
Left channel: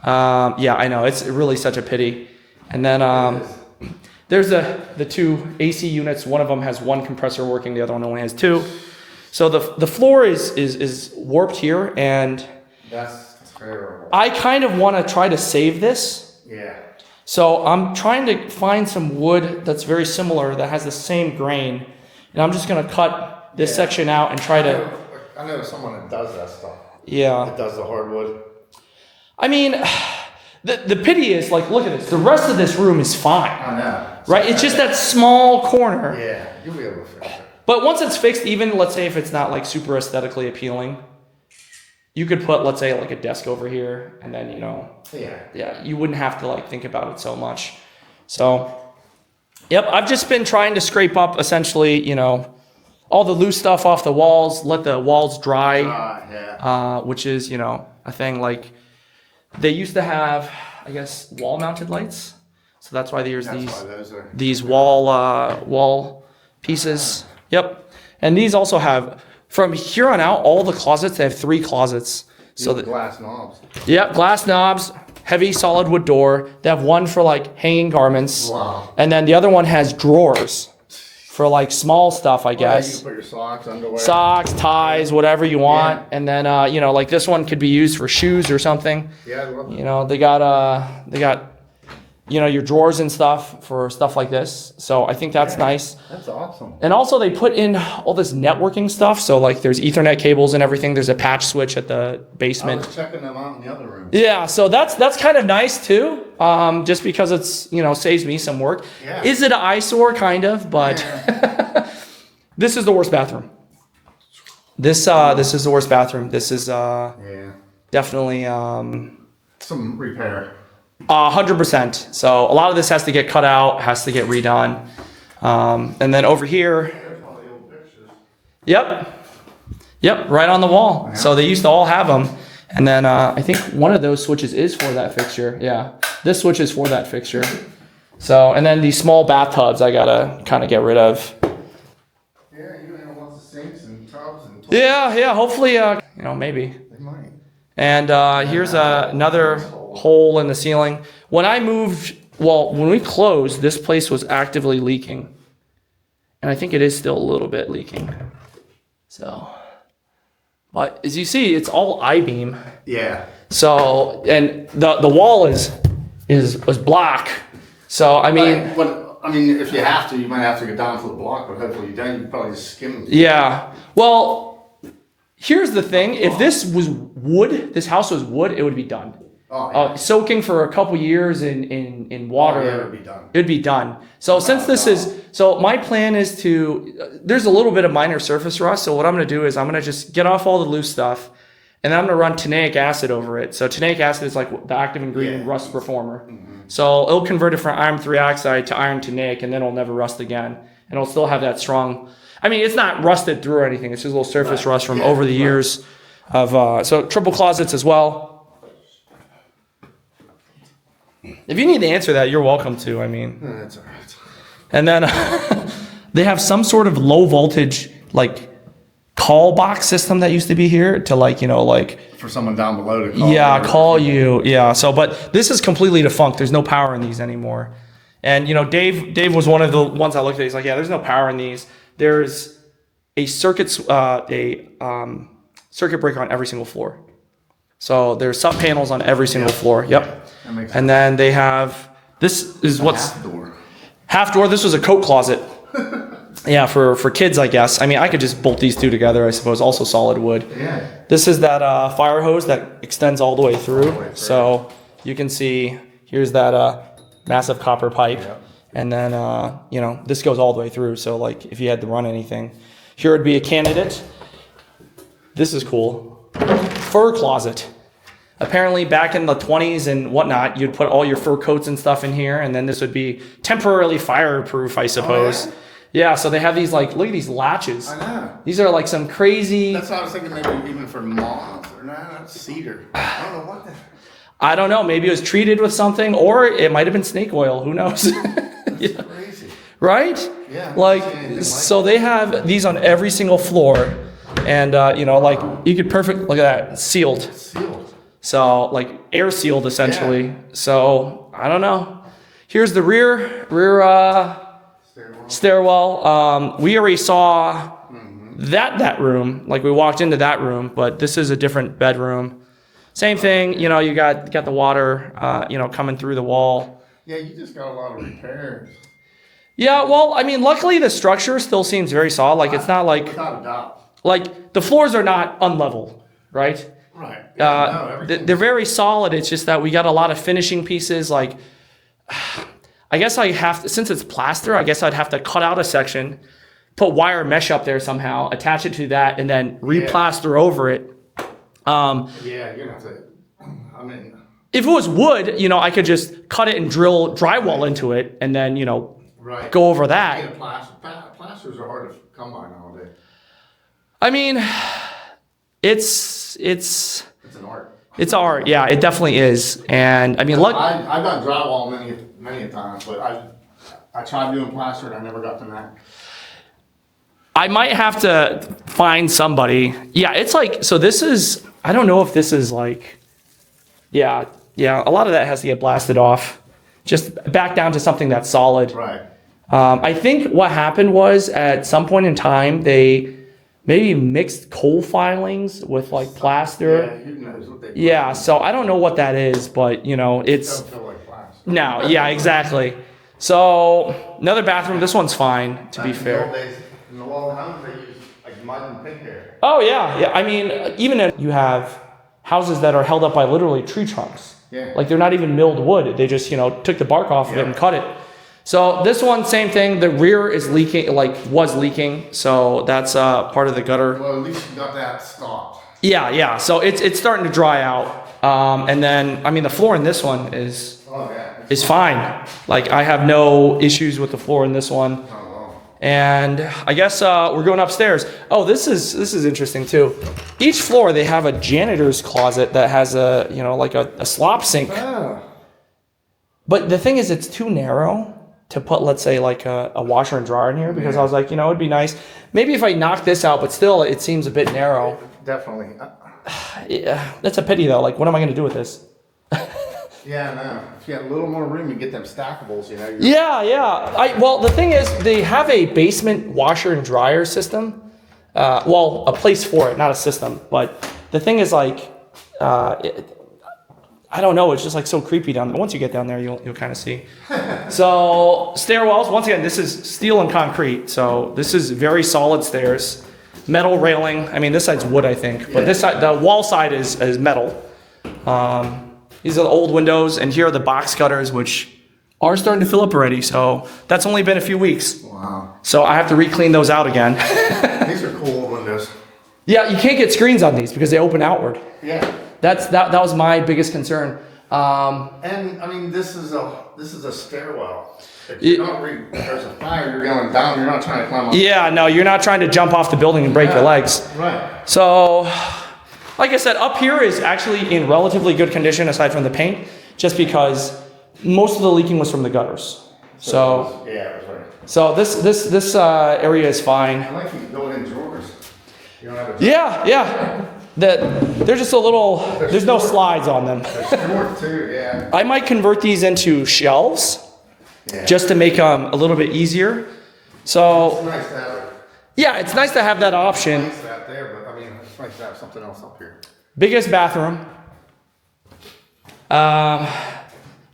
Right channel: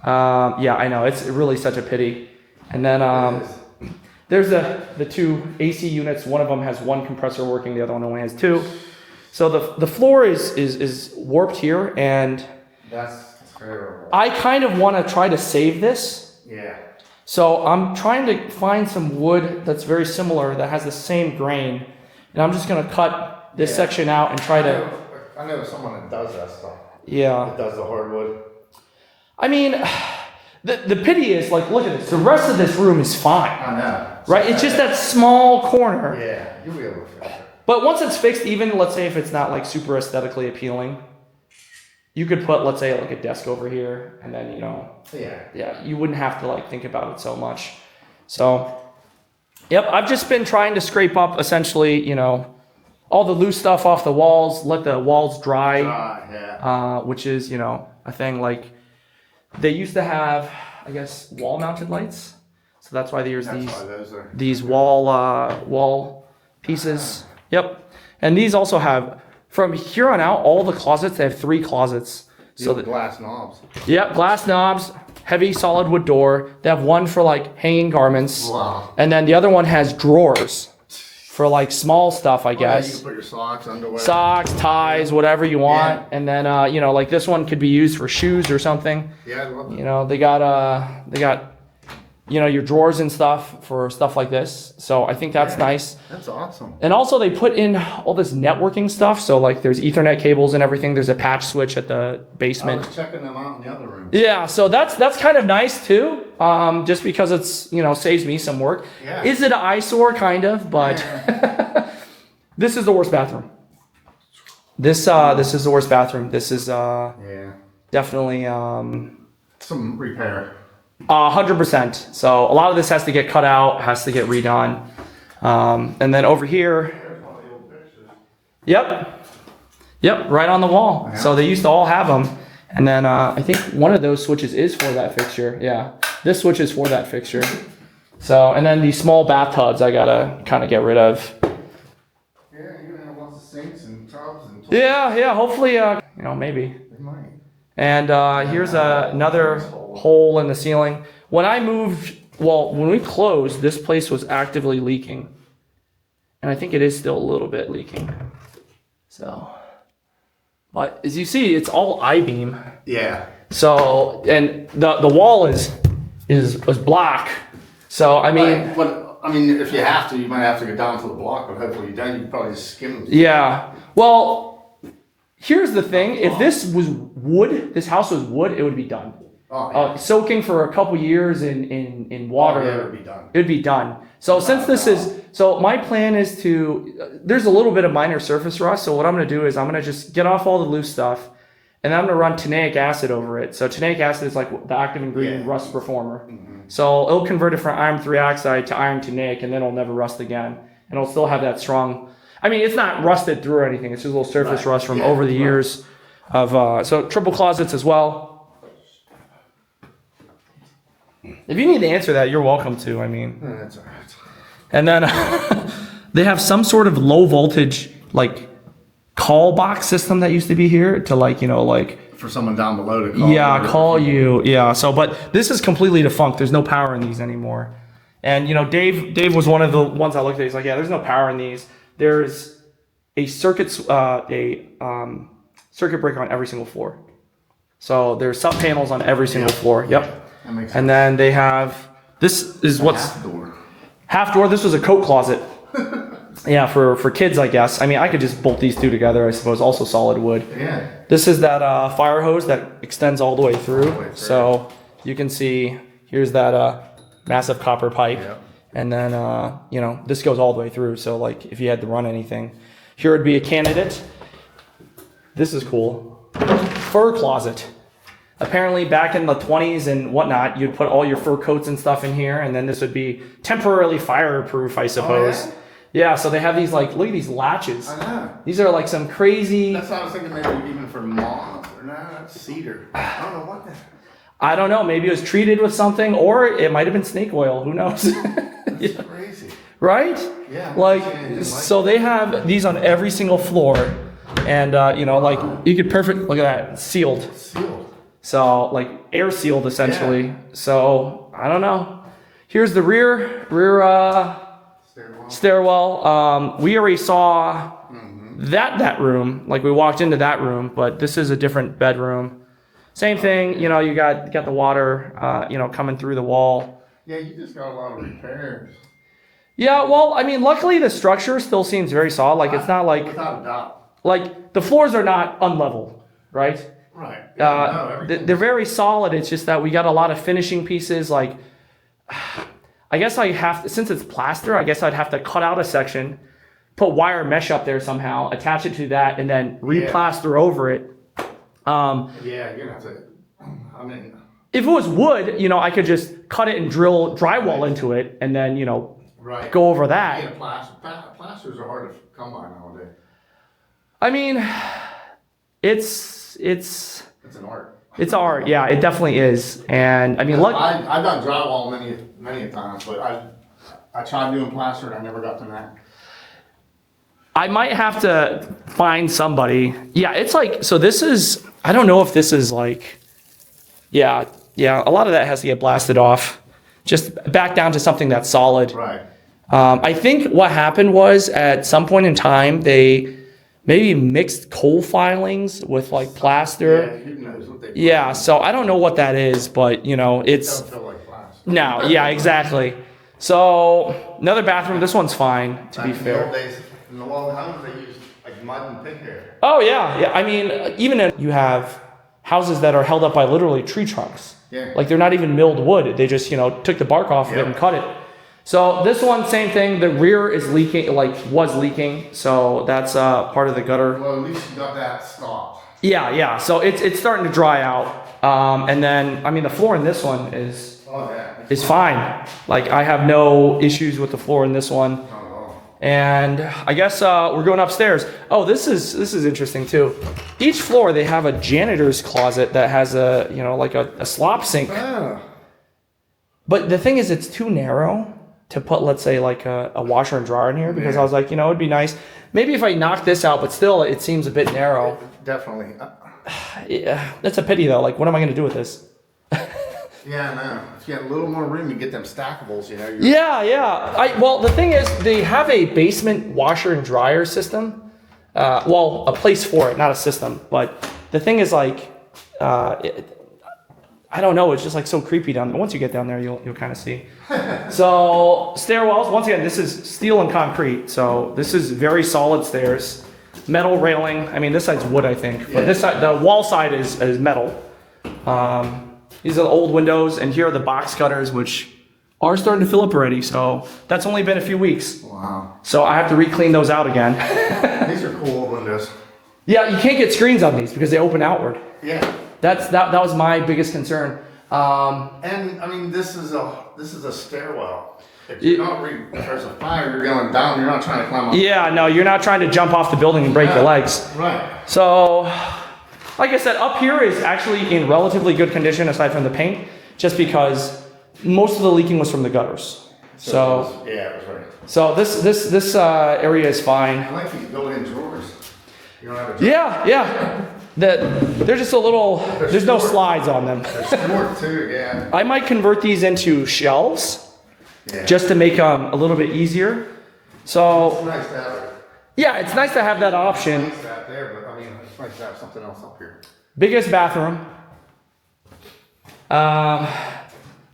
yeah, I know, it's really such a pity. And then there's the 2 AC units. One of them has 1 compressor working, the other one only has 2. So the floor is warped here, and That's terrible. I kind of want to try to save this. Yeah. So I'm trying to find some wood that's very similar that has the same grain, and I'm just gonna cut this section out and try to. I know someone that does that stuff. Yeah. That does the hardwood. I mean, the pity is like, look at this. The rest of this room is fine, I know. right? It's just that small corner. Yeah, you'll be able to fix it. But once it's fixed, even let's say if it's not like super aesthetically appealing, you could put, let's say, like a desk over here, and then Yeah. you wouldn't have to like think about it so much. So, yep, I've just been trying to scrape up essentially, all the loose stuff off the walls, let the walls dry, Yeah. which is, a thing. Like they used to have, I guess, wall mounted lights. So that's why there's That's why those are. these wall pieces. Yep. And these also have, from here on out, all the closets, they have 3 closets. So that, glass knobs. yeah, glass knobs, heavy solid wood door. They have one for like hanging garments. Wow. And then the other one has drawers for like small stuff, I Yeah, you guess. can put your socks, underwear. Socks, ties, whatever you want. Yeah. And then, like this one could be used for shoes or something. Yeah, I love it. They got, your drawers and stuff for stuff like this. So I think that's nice. That's awesome. And also they put in all this networking stuff. So like there's Ethernet cables and everything. There's a patch switch at the I basement. was checking them out in the other room. Yeah, so that's kind of nice too. Just because it's saves me some work. Yeah. Is it an eyesore? Kind of, but this is the worst bathroom. This is the worst bathroom. This is Yeah. definitely Some repair. 100%. So a lot of this has to get cut out, has to get redone. And then over here, There's one of the old pictures. yep, right on the wall. So they used to all have them. And then I think one of those switches is for that fixture. Yeah, this switch is for that fixture. So, and then these small bathtubs I gotta kind of get rid of. Yeah, you have lots of sinks and tubs and toilets. Yeah, hopefully, maybe. They might. And here's another hole in the ceiling. When we closed, this place was actively leaking. And I think it is still a little bit leaking. So, but as you see, it's all I-beam. Yeah. So, and the wall is black. So, I mean, But I mean, if you have to, you might have to go down to the block, but hopefully you don't. You can probably just skim. yeah. Well, here's the thing. If this was wood, this house was wood, it would be done. Oh, yeah. Soaking for a couple years in water. Oh, yeah, it'll be done. It'd be done. So since this is, so my plan is to, there's a little bit of minor surface rust. So what I'm going to do is I'm going to just get off all the loose stuff and then I'm going to run tannaic acid over it. So tannaic acid is like the active ingredient Yeah. rust performer. So it'll convert it from iron 3 oxide to iron tannaic and then it'll never rust again. And it'll still have that strong, I mean, it's not rusted through or anything. It's just a little surface rust from over the years of, so triple closets as well. If you need to answer that, you're welcome to. I mean, That's all right. and then they have some sort of low voltage like call box system that used to be here to For someone down below to call. yeah, call you. Yeah. So, but this is completely defunct. There's no power in these anymore. And Dave was one of the ones I looked at. He's like, yeah, there's no power in these. There's a circuit breaker on every single floor. So there's sub panels on every single floor. Yep. That makes sense. And then they have, this is what's Door. half door. This was a coat closet. Yeah, for kids, I guess. I mean, I could just bolt these two together, I suppose. Also solid wood. Yeah. This is that fire hose that extends all the way through. So you can see here's that massive copper pipe. Yep. And then, this goes all the way through. So like if you had to run anything, here would be a candidate. This is cool. Fur closet. Apparently back in the 20s and whatnot, you'd put all your fur coats and stuff in here. And then this would be temporarily fireproof, I suppose. yeah? Yeah, so they have these look at these latches. I know. These are like some crazy, That's what I was thinking. Maybe even for moths or not cedar. I don't know what the. I don't know, maybe it was treated with something or it might have been snake oil. Who knows? Yeah. Crazy. Right? Yeah. Like, so they have these on every single floor. And, you could look at that, sealed. Sealed. So, like, air sealed essentially. Yeah. So, I don't know. Here's the rear stairwell. We already saw that room. Like, we walked into that room, but this is a different bedroom. Same thing, you got the water, coming through the wall. Yeah, you just got a lot of repairs. Yeah, well, I mean, luckily the structure still seems very solid. Like, it's not like, Without a doubt. like the floors are not unlevel, right? Right. Yeah, no, They're very solid. It's just that we got a lot of finishing pieces. Like, I guess I have to, since it's plaster, I guess I'd have to cut out a section, put wire mesh up there somehow, attach it to that, and then replaster over it. yeah, you're gonna have to. I mean, If it was wood, I could just cut it and drill drywall into it, and then Right. go over that. Yeah, plasters are hard to come by nowadays. I mean, it's It's an art. it's art. Yeah, it definitely is. And I mean, look. I've done drywall many a times, but I tried doing plaster and I never got to that. I might have to find somebody. Yeah, it's like, so this is, I don't know if this is like, yeah, a lot of that has to get blasted off. Just back down to something that's solid. Right. I think what happened was at some point in time, they maybe mixed coal filings with like plaster. Yeah, who knows what they. Yeah, so I don't know what that is, but you know, it's, Don't feel like plaster. no, yeah, exactly. So another bathroom, this one's fine, to be fair. In the old homes, they used like mud and pig hair. Oh yeah. I mean, even if you have houses that are held up by literally tree trunks. Yeah. Like they're not even milled wood. They just, took the bark off of it and cut it. So this one, same thing. The rear is leaking, was leaking. So that's part of the gutter. Well, at least you got that stopped. Yeah. So it's starting to dry out. And then, I mean, the floor in this one is Oh yeah. fine. Like I have no issues with the floor in this one. Oh, wow. And I guess we're going upstairs. Oh, this is interesting too. Each floor they have a janitor's closet that has like a slop sink. Ah. But the thing is, it's too narrow to put, let's say, like a washer and dryer in here because I was like, it'd be nice. Maybe if I knock this out, but still, it seems a bit narrow. Definitely. Yeah, that's a pity though. Like, what am I going to do with this? Yeah, no. If you had a little more room, you get them stackables. Yeah. Well, the thing is, they have a basement washer and dryer system. A place for it, not a system. But the thing is, like, I don't know. It's just like so creepy down there. Once you get down there, you'll kind of see. So stairwells. Once again, this is steel and concrete. So this is very solid stairs. Metal railing. I mean, this side's wood, I think, but this side, the wall side is metal. These are the old windows, and here are the box cutters, which are starting to fill up already. So that's only been a few weeks. Wow. So I have to re-clean those out again. These are cool old windows. Yeah, you can't get screens on these because they open outward. Yeah. That was my biggest concern. And I mean, this is a stairwell. If there's a fire, you're going down. You're not trying to climb up. Yeah, no, you're not trying to jump off the building and break your legs. Right. So, like I said, up here is actually in relatively good condition aside from the paint, just because most of the leaking was from the gutters. So Yeah, it was right. So this area is fine. I like these built-in drawers. You don't have a Yeah. They're just a little. There's no slides on them. Short too, yeah. I might convert these into shelves, Yeah. just to make them a little bit easier. It's So nice to have it. yeah, it's nice to have that option. Nice to have there, but I mean, it's nice to have something else up here. Biggest bathroom.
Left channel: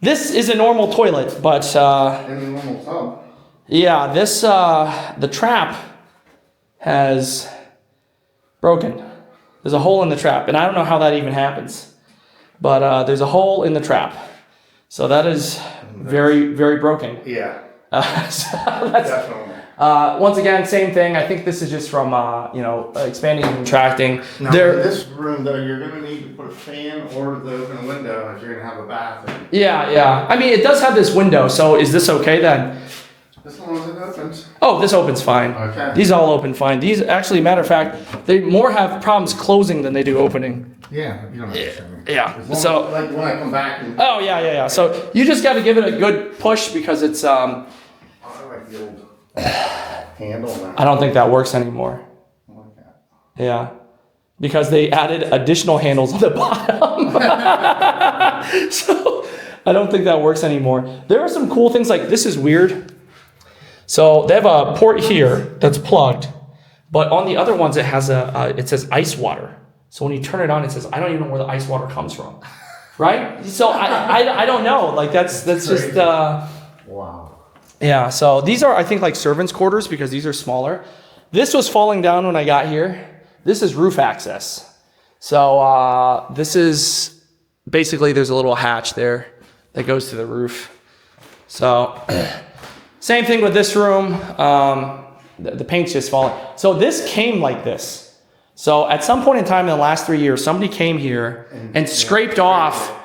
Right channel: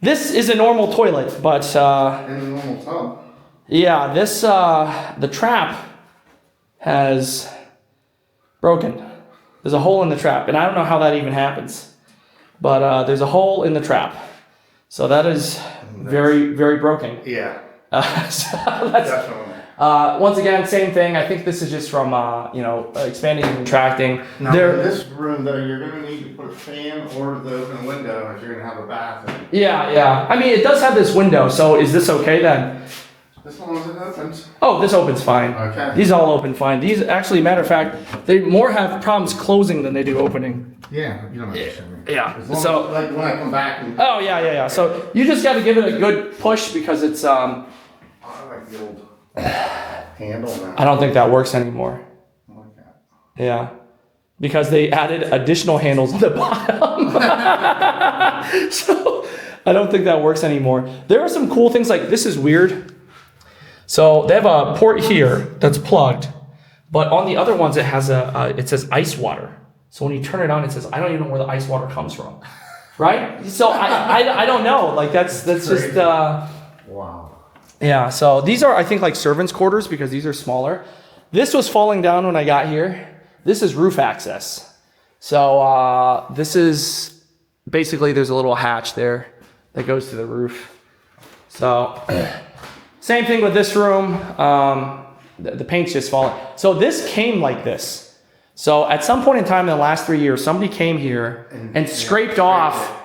This is a normal toilet, but In the normal tub. yeah, the trap has broken. There's a hole in the trap, and I don't know how that even happens, but there's a hole in the trap. So that is very, very broken. Yeah, So that's, definitely. once again, same thing. I think this is just from, expanding and contracting. Now, in this room, though, you're going to need to put a fan or the open window if you're going to have a bath. Yeah. I mean, it does have this window, so is this okay then? As long as it opens. Oh, this opens fine. Okay. These all open fine. These, actually, matter of fact, they more have problems closing than they do opening. Yeah, you don't have to show me. Yeah, As long so- as, like when I come back and Oh, yeah. So you just got to give it a good push because it's, I like the old handle now. I don't think that works anymore. I like that. Yeah. Because they added additional handles on the bottom. So I don't think that works anymore. There are some cool things like this is weird. So they have a port here that's plugged, but on the other ones it has it says ice water. So when you turn it on, it says, I don't even know where the ice water comes from. Right? So I don't know. Like that's just Wow. yeah, so these are, I think, like servants' quarters because these are smaller. This was falling down when I got here. This is roof access. So this is basically, there's a little hatch there that goes to the roof. So same thing with this room. The paint's just falling. So this came like this. So at some point in time in the last 3 years, somebody came here and scraped off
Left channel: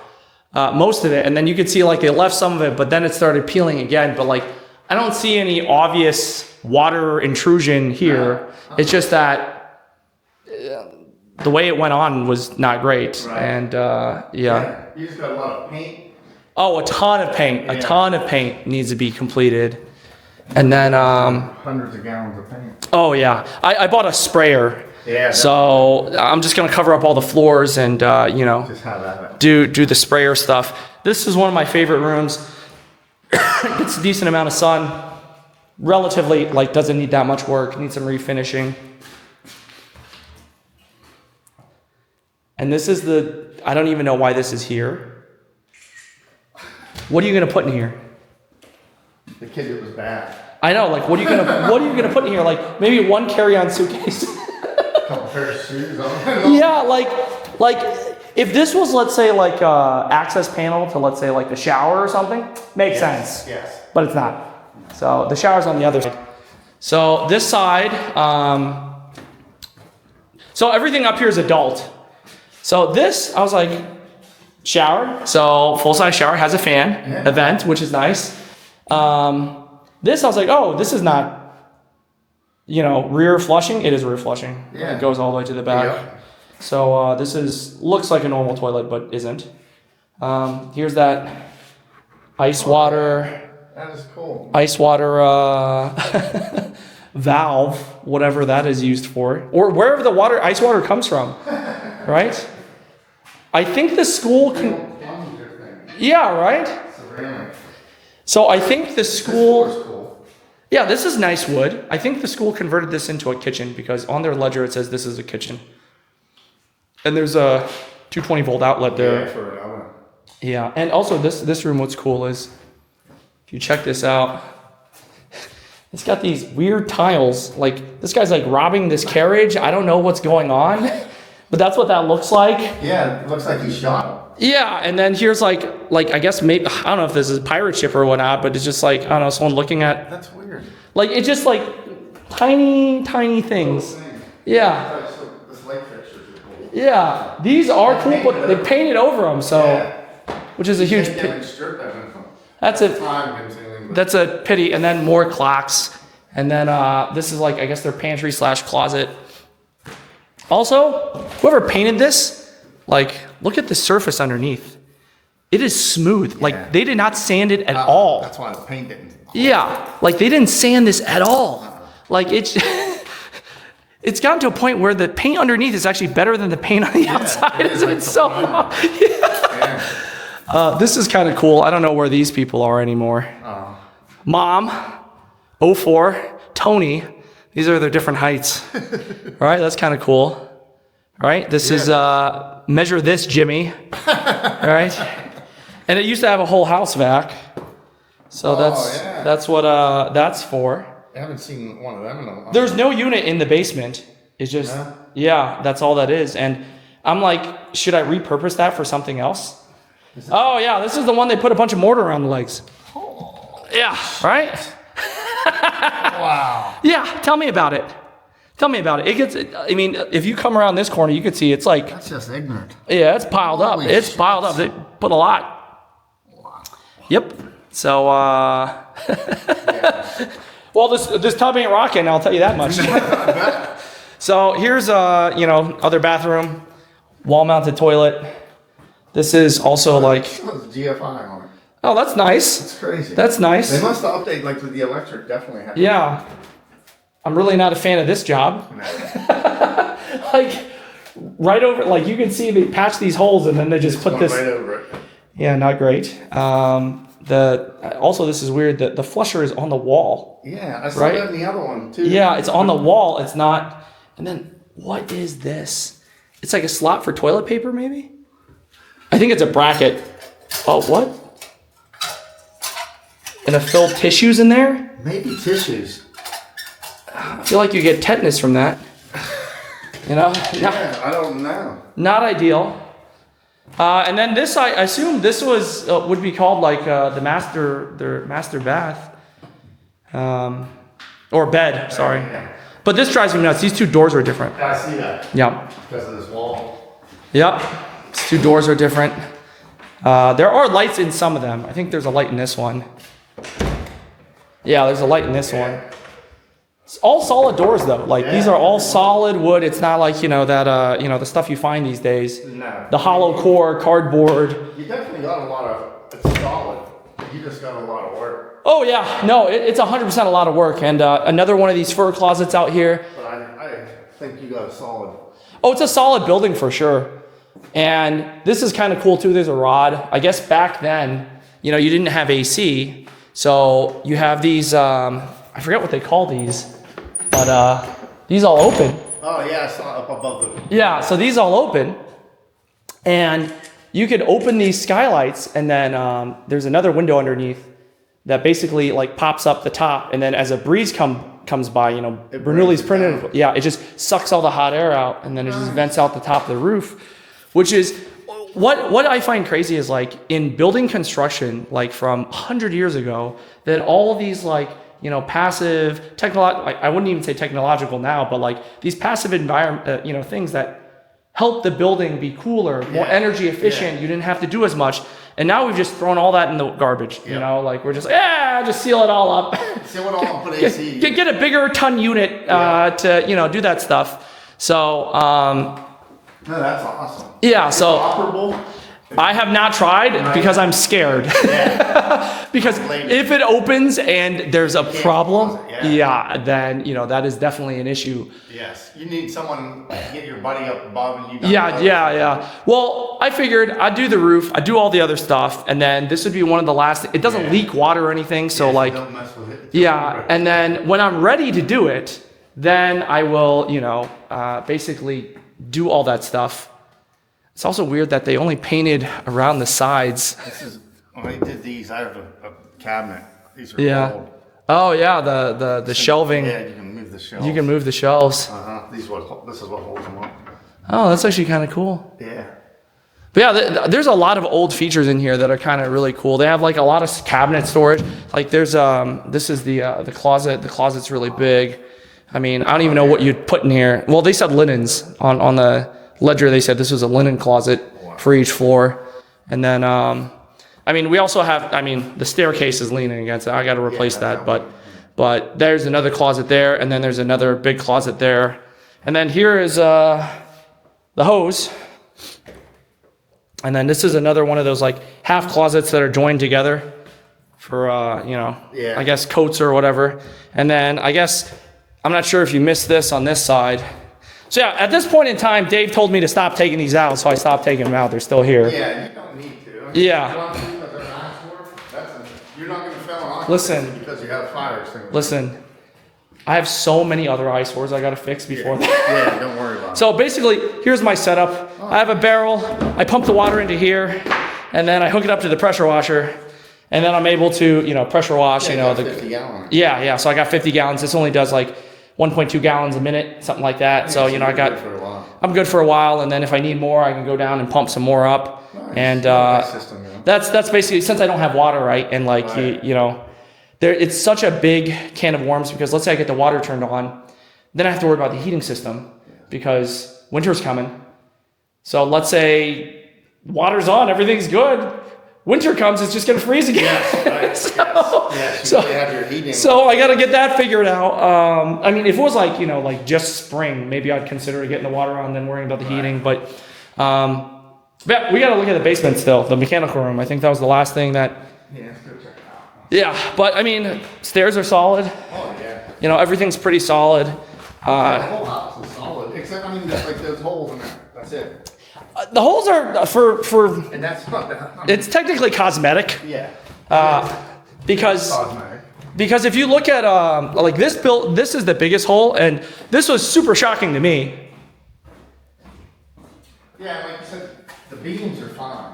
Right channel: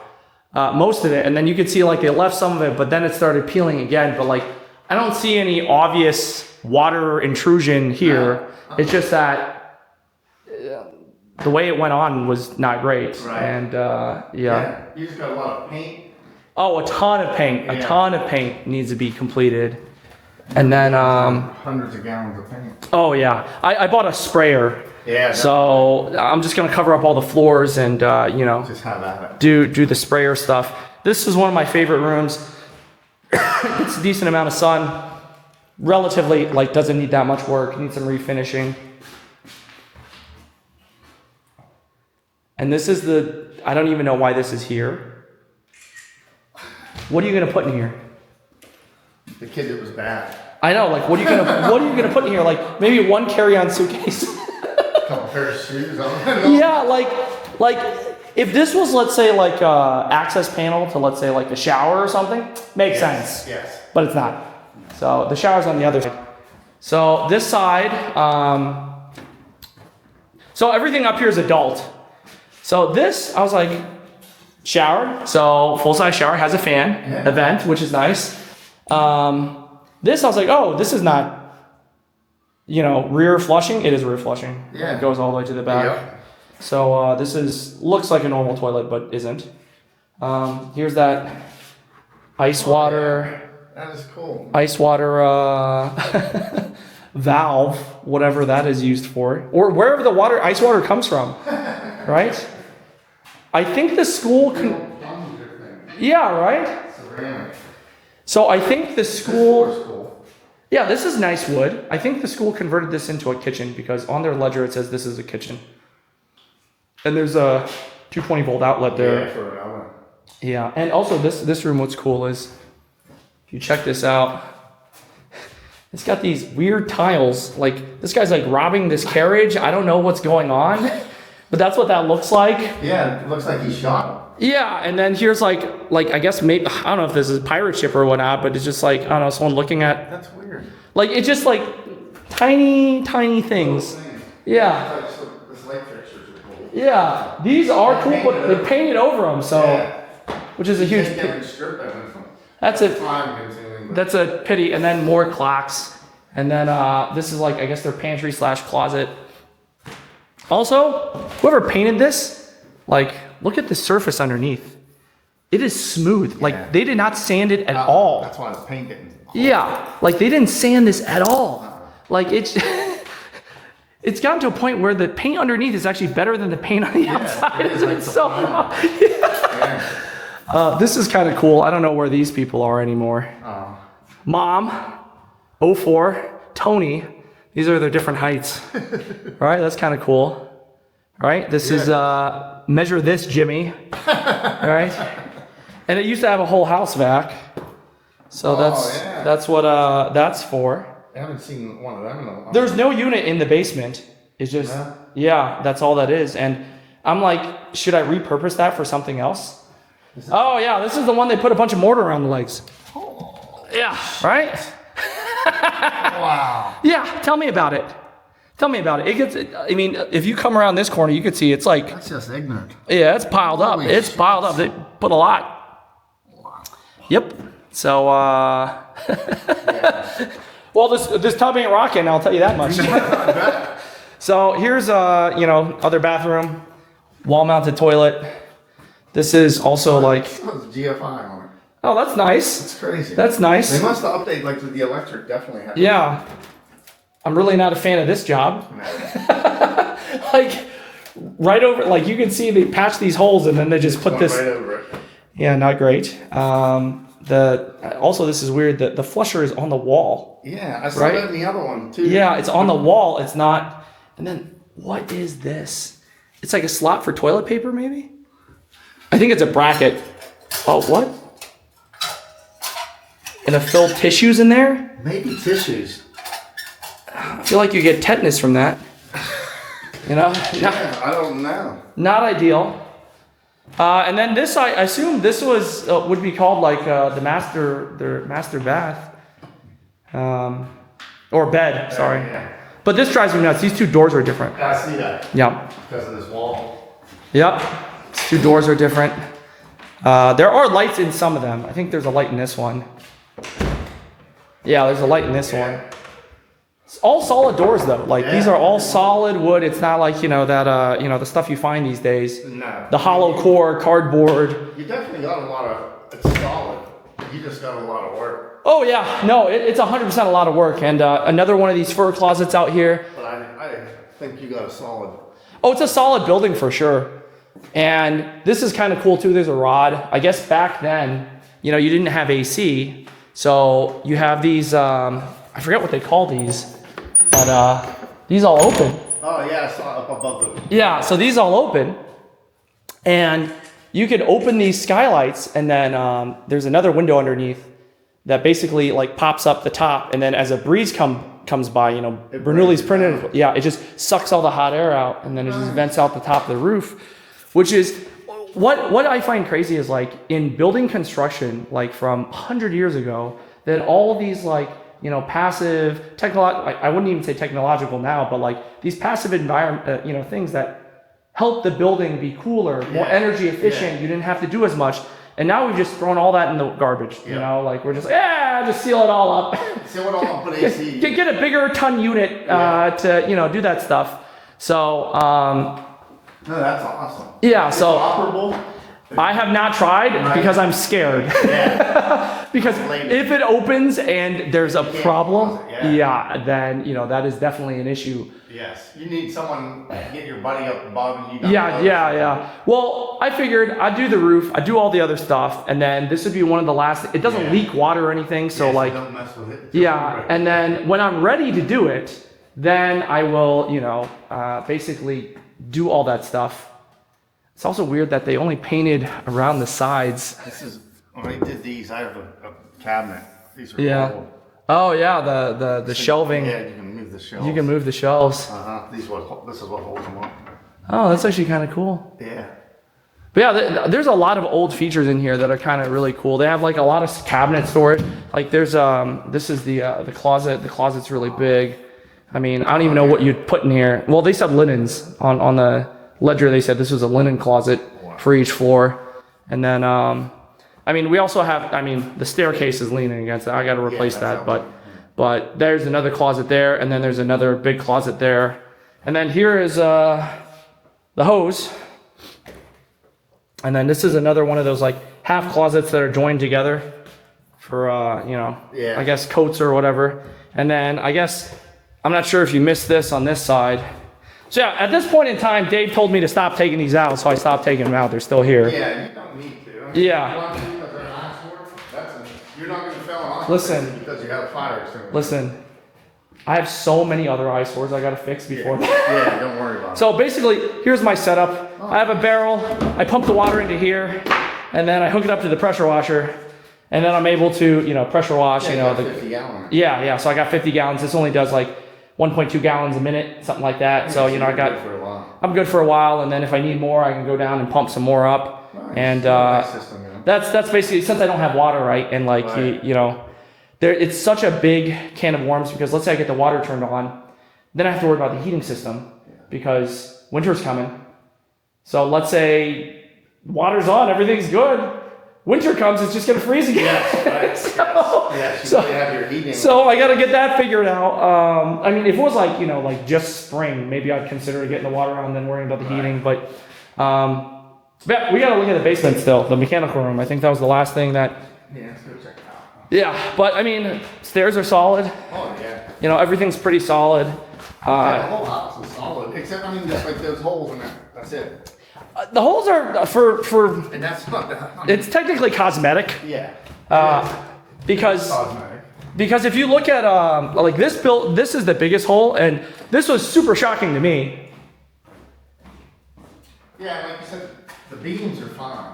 most of it, and then you could see like they left some of it, but then it started peeling again. But like I don't see any obvious water intrusion here. It's just that the way it went on was not great. Right. And yeah. You just got a lot of paint. Oh, a ton of paint. A ton of paint needs to be completed. And then, Hundreds of gallons of paint. oh yeah, I bought a sprayer. Yeah. So I'm just gonna cover up all the floors and you know, Just have that. do the sprayer stuff. This is one of my favorite rooms. It's a decent amount of sun. Relatively, like, doesn't need that much work. Needs some refinishing. And this is I don't even know why this is here. What are you gonna put in here? The kid that was bad. I know, like, what are you gonna put in here? Like, maybe one carry-on suitcase. Couple pair of shoes on. Yeah, like if this was, let's say, like access panel to, let's say, like the shower or something, makes sense. Yes. But it's not. So the shower's on the other side. So this side, so everything up here is adult. So this, I was like, shower. So full-size shower, has a fan, a vent, which is nice. This, I was like, oh, this is not, you know, rear flushing. It is rear flushing. Yeah. It goes all the way to the back. Yep. So this looks like a normal toilet, but isn't. Here's that ice water That is cool. valve, whatever that is used for, or wherever the ice water comes from, right? I think the school can. Yeah, right. Ceramic. So I think the school. This floor's cool. Yeah, this is nice wood. I think the school converted this into a kitchen because on their ledger it says this is a kitchen. And there's a 220 volt outlet there. Yeah, for an hour. Yeah, and also this room, what's cool is, if you check this out, it's got these weird tiles. Like, this guy's like robbing this carriage. I don't know what's going on, but that's what that looks like. Yeah, it looks like he shot Yeah, and then here's like I guess maybe, I don't know if this is a pirate ship or whatnot, but it's just like, I don't know, someone looking at, him. That's weird. like, it's just like tiny things. Yeah. This light fixtures are cool. Yeah, these are cool, but they painted over them, so, which is a huge, that's a, that's a pity. And then more clocks, and then this is like, I guess their pantry / closet. Also, whoever painted this, like, look at the surface underneath. It is smooth. Like, they did not sand it at all. That's why it's painted. Yeah, like they didn't sand this at all. Like it's it's gotten to a point where the paint underneath is actually better than the paint on the outside. It's so this is kind of cool. I don't know where these people are anymore. Mom, 04, Tony. These are their different heights. All right, that's kind of cool. All right, this is measure this, Jimmy. All right, and it used to have a whole house vac. So that's what that's for. I haven't seen one of them in a while. There's no unit in the basement. It's just yeah, that's all that is. And I'm like, should I repurpose that for something else? Oh yeah, this is the one they put a bunch of mortar around the legs. Yeah, right? Wow. Yeah, tell me about it. Tell me about it. It gets, I mean, if you come around this corner, you can see it's like, That's just ignorant. yeah, it's piled up. Holy It's shit. piled up. They put a lot. Yep. So, well, this tub ain't rocking, I'll tell you that much. So here's, you know, other bathroom, wall-mounted toilet. This is also like, It was GFI on it. oh, that's nice. It's crazy. That's nice. They must have updated, like, the electric definitely had. Yeah. I'm really not a fan of this job. Like, right over, like, you can see they patch these holes and then they just put this. Right over it. Yeah, not great. Also, this is weird. The flusher is on the wall. Yeah, I saw Right? that in the other one, too. Yeah, it's on the wall. It's not. And then, what is this? It's like a slot for toilet paper, maybe? I think it's a bracket. Oh, what? And a filled tissues in there? Maybe tissues. I feel like you get tetanus from that. You know? Yeah, I don't know. Not ideal. And then this, I assume this was would be called like their master bath, or bed. Sorry, Yeah. but this drives me nuts. These two doors are different. I see that Yeah, because of this wall. yep. These two doors are different. There are lights in some of them. I think there's a light in this one. Yeah, there's a light in this one. It's all solid doors though. Like these are all solid wood. It's not like, that, the stuff you find these days. No. The hollow core, cardboard. You definitely got a lot of, it's solid. You just got a lot of work. Oh yeah, no, it's 100% a lot of work. And another one of these fur closets out here. But I think you got a solid. Oh, it's a solid building for sure. And this is kind of cool too. There's a rod. I guess back then, you didn't have AC. So you have these, I forget what they call these, but these all open. Oh yeah, I saw up above the. Yeah, so these all open. And you could open these skylights, and then there's another window underneath that basically like pops up the top, and then as a breeze comes by, Bernoulli's printed, yeah, it just sucks all the hot air out, and then it just vents out the top of the roof, which is what I find crazy is like in building construction, like from 100 years ago, that all these like passive I wouldn't even say technological now, but like these passive environment, things that help the building be cooler, more energy efficient. You didn't have to do as much. And now we've just thrown all that in the garbage. Like we're just, just seal it all up. Seal it all up, put AC. Get a bigger ton unit to, do that stuff. So, no, that's awesome. yeah, so Operable. I have not tried because I'm scared. Yeah. Because if it opens and there's a problem, yeah. then, that is definitely an issue. Yes. You need someone to get your buddy up above you. Yeah. Well, I figured I'd do the roof, I'd do all the other stuff, and then this would be one of the last. It doesn't leak water or anything, so like, don't mess with it. yeah. And then when I'm ready to do it, then I will, basically do all that stuff. It's also weird that they only painted around the sides. This is when I did these. I have a cabinet. These are old. Oh yeah, the shelving. Yeah, you can move the shelves. You can move the shelves. This is what holds them up. Oh, that's actually kind of cool. Yeah. But yeah, there's a lot of old features in here that are kind of really cool. They have like a lot of cabinet storage. Like there's this is the closet. The closet's really big. I mean, I don't even know what you'd put in here. Well, they said linens on the ledger. They said this was a linen closet for each floor. And then we also have, the staircase is leaning against it. I got to replace that, but there's another closet there, and then there's another big closet there. And then here is the hose. And then this is another one of those like half closets that are joined together for, I guess coats or whatever. And then I guess, I'm not sure if you missed this on this side. So yeah, at this point in time, Dave told me to stop taking these out, so I stopped taking them out. They're still here. Yeah, you don't need to. Yeah. You're not going to fail on Listen. because you have fire extinguisher. Listen, I have so many other eyesores I got to fix before that. Yeah, don't worry about it. So basically, here's my setup. I have a barrel. I pump the water into here, and then I hook it up to the pressure washer, and then I'm able to, pressure wash. Yeah, 50 gallons. Yeah. So I got 50 gallons. This only does like 1.2 gallons a minute, something like that. So I'm good for a while, and then if I need more, I can go down and pump some more up. Nice. And that's basically, since I don't have water, right? And like it's such a big can of worms because let's say I get the water turned on, then I have to worry about the heating system because winter's coming. So let's say water's on, everything's good. Winter comes, it's just gonna freeze again. Yes, right. So I gotta get that figured out. If it was like, like just spring, maybe I'd consider getting the water on and then worrying about the heating. But we gotta look at the basement still, the mechanical room. I think that was the last thing that. Yeah, let's go check it out. Yeah, but stairs are solid. Oh yeah. Everything's pretty solid. The whole house is solid, except just like those holes in there. That's it. The holes are for. And that's not. It's technically cosmetic. Yeah. Because. Cosmetic. Because if you look at like this this is the biggest hole, and this was super shocking to me. Yeah, like you said, the beams are fine.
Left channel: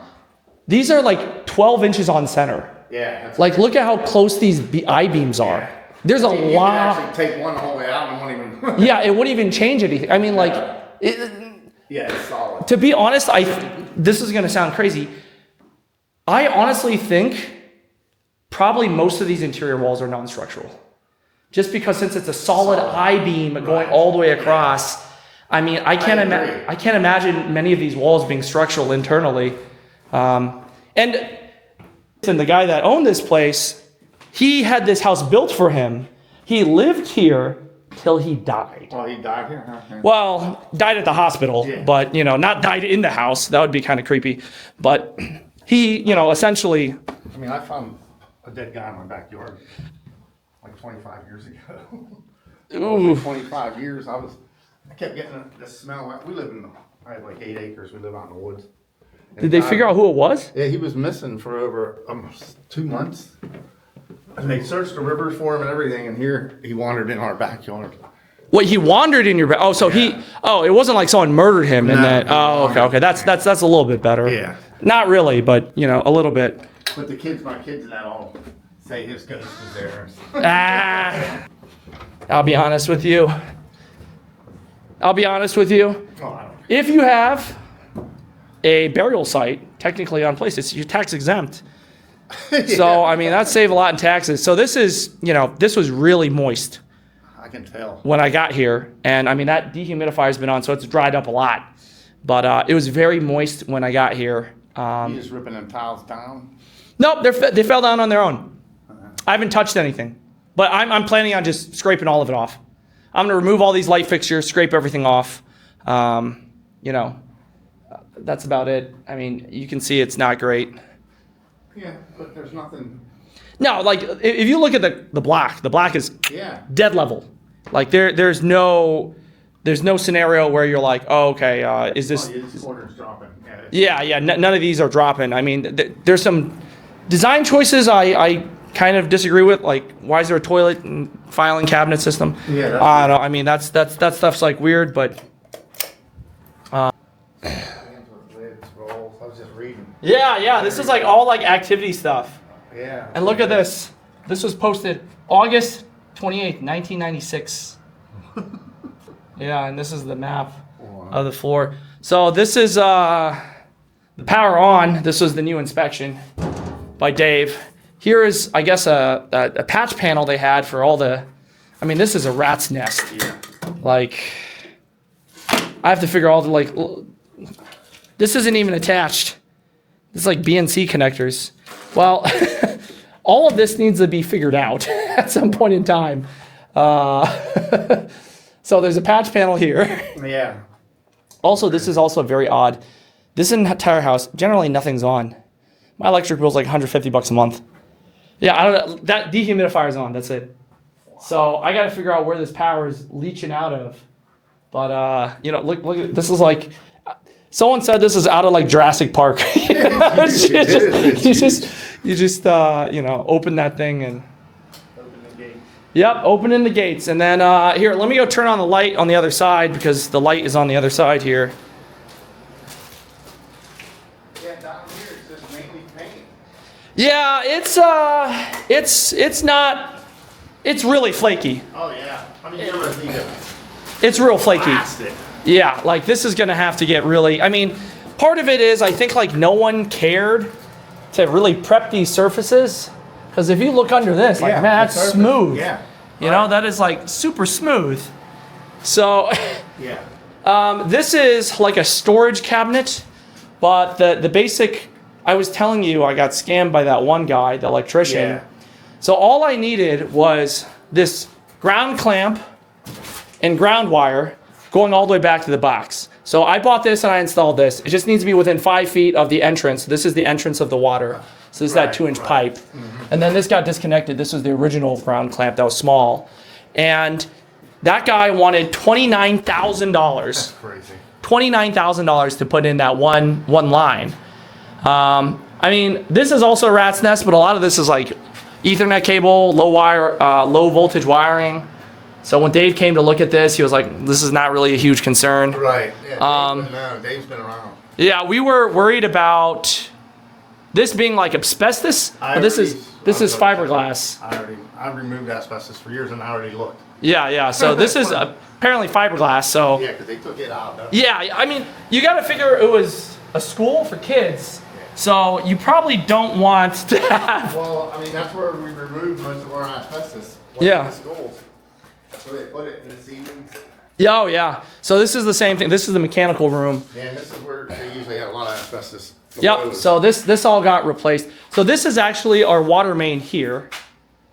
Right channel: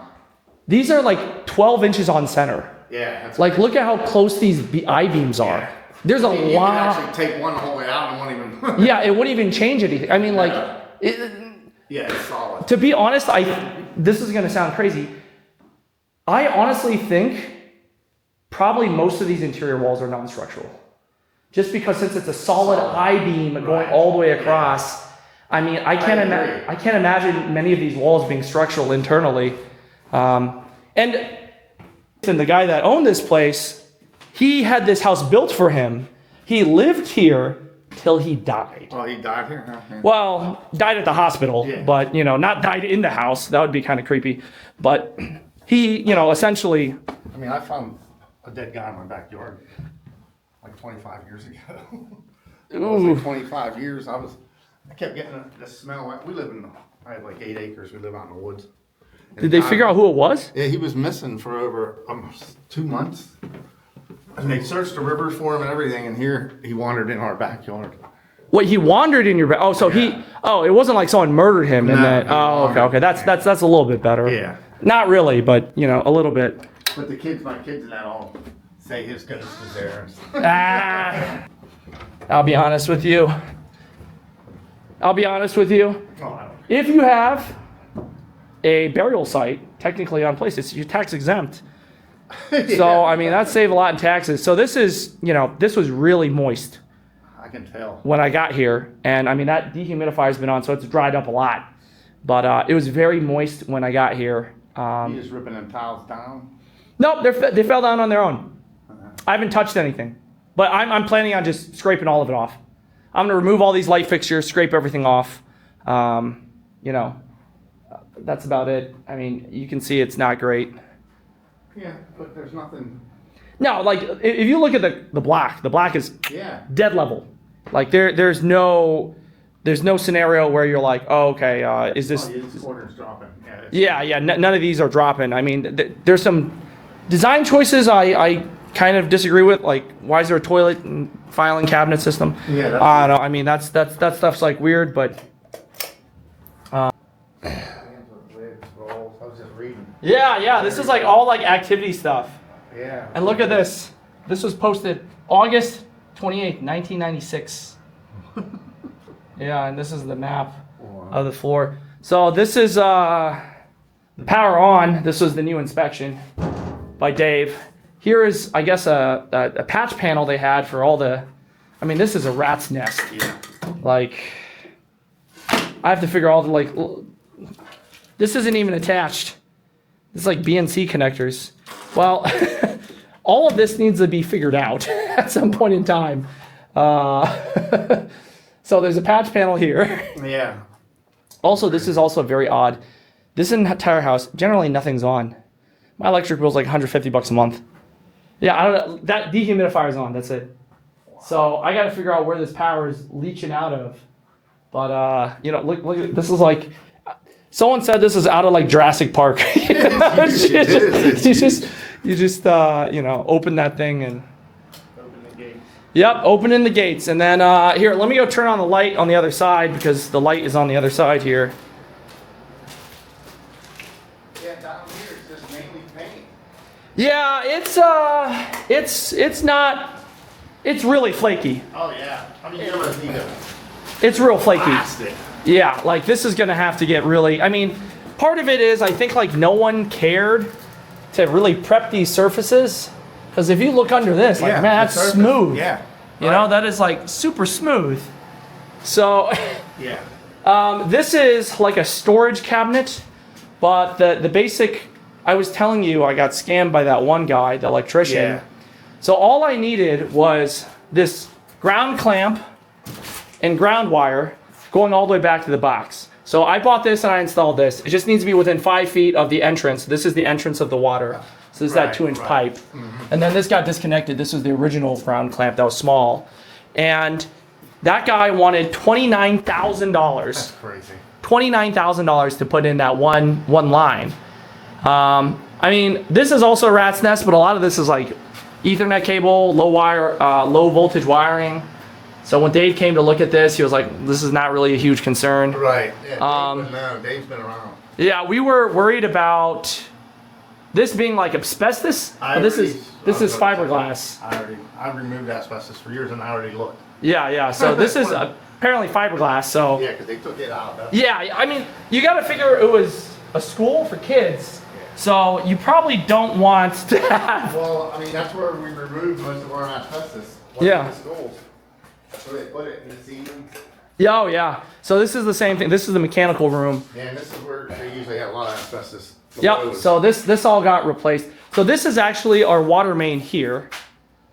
These are like 12 inches on center. Yeah. Like look at how close these I-beams are. There's a you lot. can actually take one whole way out and won't even. Yeah, it wouldn't even change anything. Yeah, it's solid. To be honest, this is gonna sound crazy. I honestly think probably most of these interior walls are non-structural. Just because since it's a solid I-beam going all the way across, I can't imagine many of these walls being structural internally. And the guy that owned this place, He had this house built for him. He lived here till he died. Oh, he died here? Okay. Well, died at the hospital, Yeah. but, not died in the house. That would be kind of creepy. But he, essentially, I mean, I found a dead guy in my backyard like 25 years ago. ooh, Like 25 years, I kept getting this smell. I had like 8 acres. We live out in the woods. did they figure out who it was? Yeah, he was missing for over 2 months. And they searched the rivers for him and everything, and here he wandered in our backyard. What, he wandered in your bed? Oh, so it wasn't like someone murdered him and No. then, okay. That's a little bit better. Yeah. Not really, but, a little bit. But my kids and that all say his ghost was there. Ah, I'll be honest with you. Oh, I don't If you have a burial site technically on place, you're tax exempt. So, I mean, that saved a lot in taxes. So this is, this was really moist I can tell. when I got here. And I mean, that dehumidifier's been on, so it's dried up a lot. But it was very moist when I got here. You just ripping them tiles down? Nope, they fell down on their own. I haven't touched anything. But I'm planning on just scraping all of it off. I'm going to remove all these light fixtures, scrape everything off. That's about it. I mean, you can see it's not great. Yeah, but there's nothing. No, like if you look at the black is Yeah. dead level. Like there's no scenario where you're like, oh, okay, is this? Oh, yeah, this corner's dropping. Yeah. Yeah. None of these are dropping. I mean, there's some design choices I kind of disagree with. Like, why is there a toilet and filing cabinet system? Yeah, that's- I don't know. I mean, that stuff's like weird, but I was just reading. yeah. This is like all like activity stuff. Yeah. And look at this. This was posted August 28th, 1996. Yeah, and this is the map of the floor. So this is the power on. This was the new inspection by Dave. Here is, I guess, a patch panel they had for all the. I mean, this is a rat's nest. Yeah. Like, I have to figure all the this isn't even attached. This is like BNC connectors. Well, all of this needs to be figured out at some point in time. So there's a patch panel here. Yeah. Also, this is also very odd. This entire house, generally nothing's on. My electric bill's like $150 a month. Yeah, I don't know. That dehumidifier's on. That's it. So I got to figure out where this power is leaching out of. But look at this. Is like someone said this is out of like Jurassic Park. You just open that thing and. Open the gate. Yep, opening the gates. And then here, let me go turn on the light on the other side because the light is on the other side here. Yeah, down here it's just mainly paint. Yeah, it's not. It's really flaky. Oh yeah. I mean, you ever need to It's real flaky. blast it. Yeah, like this is gonna have to get really. I mean, part of it is I think like no one cared to really prep these surfaces because if you look under this, like Yeah, man, the that's surface, smooth. Yeah. You know, that is like super smooth. So Yeah. this is like a storage cabinet, but the basic. I was telling you I got scammed by that one guy, the electrician. Yeah. So all I needed was this ground clamp and ground wire going all the way back to the box. So I bought this and I installed this. It just needs to be within 5 feet of the entrance. This is the entrance of the water. So this is that Right, 2-inch right. pipe. And then this got disconnected. This was the original ground clamp that was small. And that guy wanted $29,000. Crazy. $29,000 to put in that one line. I mean, this is also a rat's nest, but a lot of this is like Ethernet cable, low voltage wiring. So when Dave came to look at this, he was like, "This is not really a huge concern." Right. Yeah. Dave's been around. Yeah, we were worried about this being like asbestos. But this is fiberglass. I removed asbestos for years and I already looked. Yeah. So this is apparently fiberglass. So Yeah, because they took it out. yeah, I mean, you got to figure it was a school for kids. So you probably don't want to have. Well, I mean, that's where we removed most of our asbestos. Yeah. In the schools. That's where they put it in the seasons. Yeah, oh yeah. So this is the same thing. This is the mechanical room. Yeah, and this is where they usually have a lot of asbestos. Yep. So this all got replaced. So this is actually our water main here,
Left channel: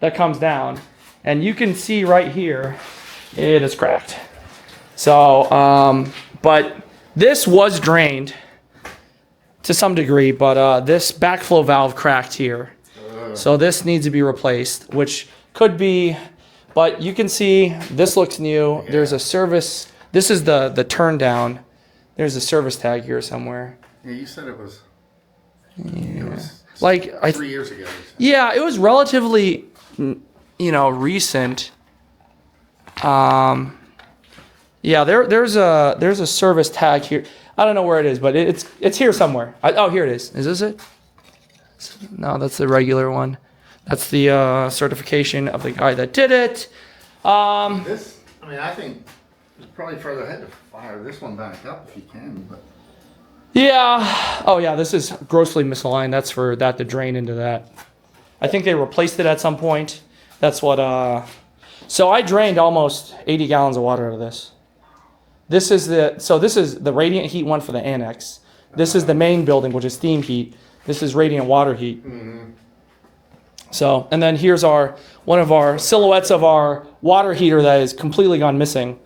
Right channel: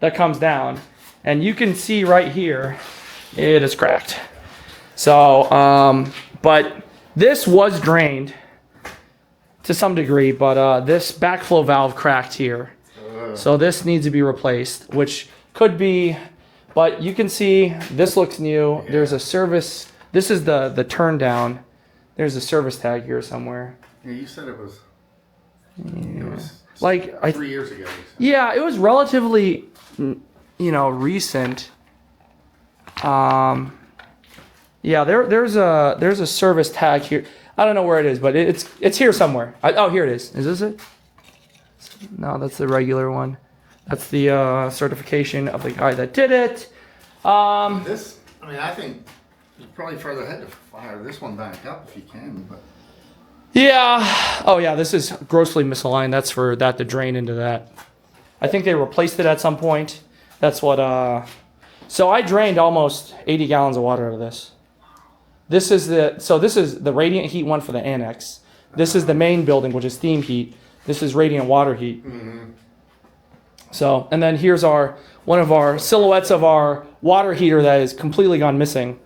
that comes down, and you can see right here, it is cracked. So, but this was drained to some degree, but this backflow valve cracked here. So this needs to be replaced, which could be, but you can see this looks new. There's a service, this is the turn down. There's a service tag here somewhere. Yeah, you said it was Like, 3 years ago. yeah, it was relatively, recent. Yeah, there's a service tag here. I don't know where it is, but it's here somewhere. Oh, here it is. Is this it? No, that's the regular one. That's the certification of the guy that did it. This, I mean, I think it's probably further ahead to fire this one back up if you can, but. Yeah. Oh, yeah, this is grossly misaligned. That's for that to drain into that. I think they replaced it at some point. That's what, so I drained almost 80 gallons of water out of this. This is the radiant heat one for the annex. This is the main building, which is steam heat. This is radiant water heat. Mm-hmm. So, and then here's one of our silhouettes of our water heater that is completely gone missing.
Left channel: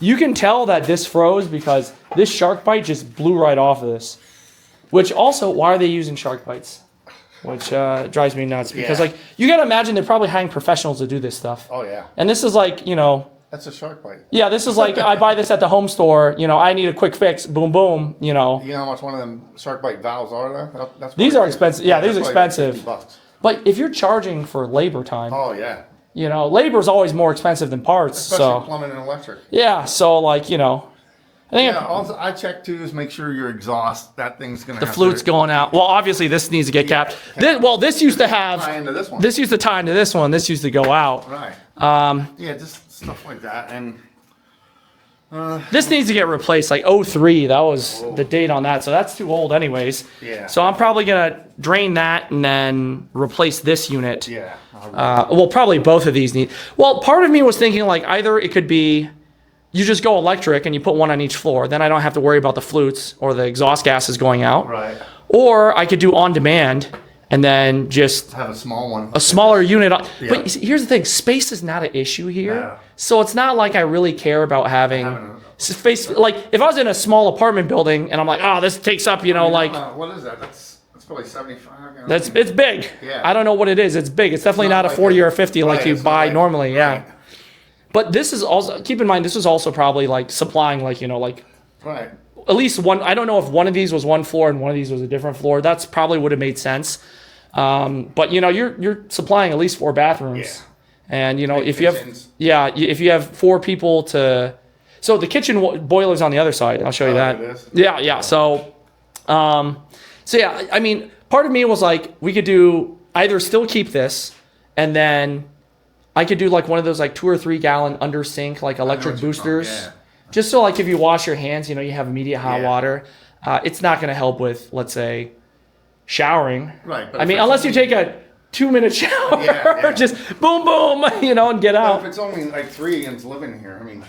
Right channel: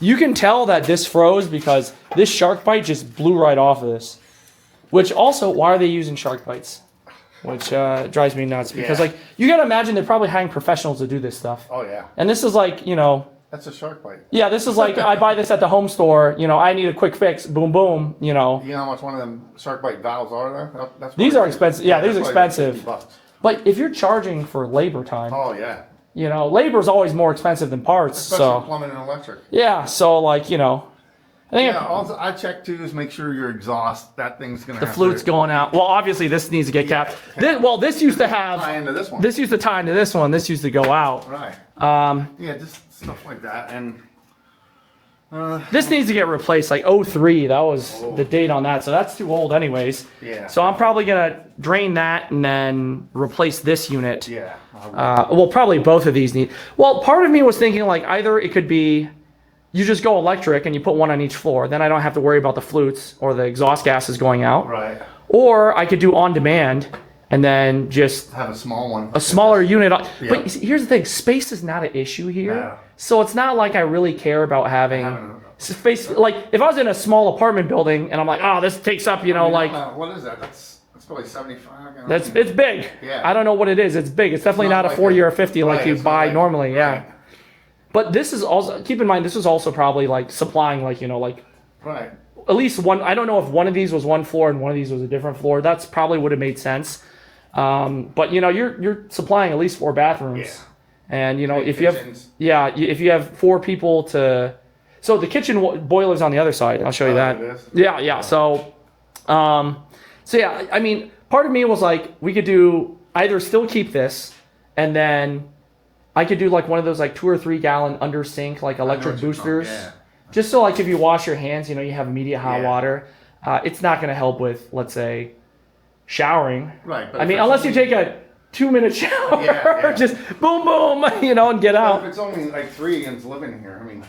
You can tell that this froze because this shark bite just blew right off of this. Which also, why are they using shark bites? Which drives me nuts because, Yeah. like, you gotta imagine they're probably hiring professionals to do this stuff. Oh, yeah. And this is like, That's a shark bite. yeah, this is like I buy this at the home store. I need a quick fix. Boom, boom. You know how much one of them shark bite valves are there? That's These probably- are expensive. Yeah, these are that's probably expensive. $50. But if you're charging for labor time, Oh, yeah. labor is always more expensive than parts. Especially So plumbing and electric. yeah, so like I think Yeah, also I check too is make sure your exhaust, that thing's going to the flute's going out. Well, obviously this needs to get capped. This used to have. tie into this one. This used to tie into this one. This used to go out. Right. Yeah, just stuff like that. And This needs to get replaced. Like 03, that was the date on that. So that's too old, anyways. Yeah. So I'm probably gonna drain that and then replace this unit. yeah. Well, probably both of these need. Well, part of me was thinking like either it could be you just go electric and you put one on each floor. Then I don't have to worry about the flutes or the exhaust gases going out. Right. Or I could do on demand and then just Have a small one. a smaller unit. Yeah. But you see, here's the thing: space is not an issue here. No. So it's not like I really care about having space. Like if I was in a small apartment building and I'm like, oh, this takes up, what is that? That's probably 75. it's big. Yeah. I don't know what it is. It's big. It's definitely not a like 40 a- or a 50 like right, you it's not buy like- normally. Yeah. right. But this is also, keep in mind, this is also probably like supplying like Right. at least one. I don't know if one of these was one floor and one of these was a different floor. That's probably would have made sense. But you're supplying at least 4 bathrooms, and if you have kitchens. if you have 4 people to, so the kitchen boiler's on the other side. I'll show you that. it is? Yeah. So yeah, I mean, part of me was like, we could do either still keep this, and then I could do like one of those like 2 or 3 gallon under sink like electric boosters. yeah. Just so like if you wash your hands, you have immediate hot Yeah. water. It's not going to help with, let's say, showering. Right. But I if mean, it's unless you only- take a 2-minute shower, Yeah. just boom, boom, and get But out. if it's only like 3 and it's living here, I mean.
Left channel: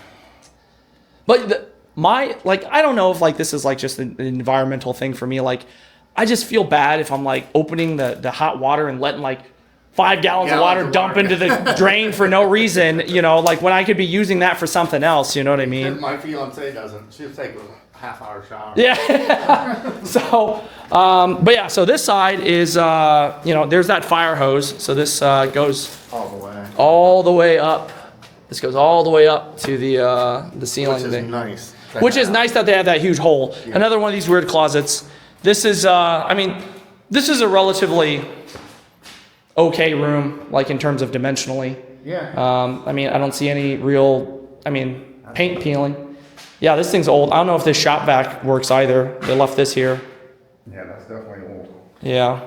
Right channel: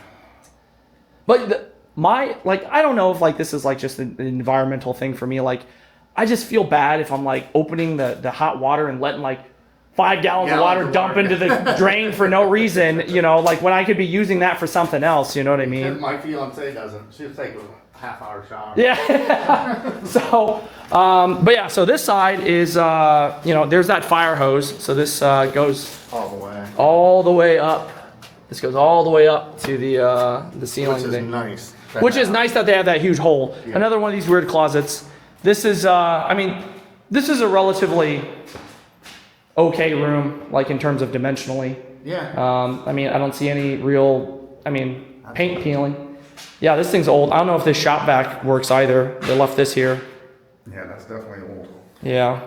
But I don't know if like this is like just an environmental thing for me. Like, I just feel bad if I'm like opening the hot water and letting like 5 gallons of water dump into the drain for no reason, like when I could be using that for something else, you know what I mean? And my fiance doesn't. She'll take a half-hour shower. Yeah. So, but yeah, so this side is, there's that fire hose. So this goes All the way. all the way up. This goes all the way up to the ceiling Which is thing. nice. Which is nice that they have that huge hole. Another one of these weird closets. This is, this is a relatively okay room, like in terms of dimensionally. Yeah. I don't see any real, paint peeling. Yeah, this thing's old. I don't know if this shop vac works either. They left this here. Yeah, that's definitely old. Yeah.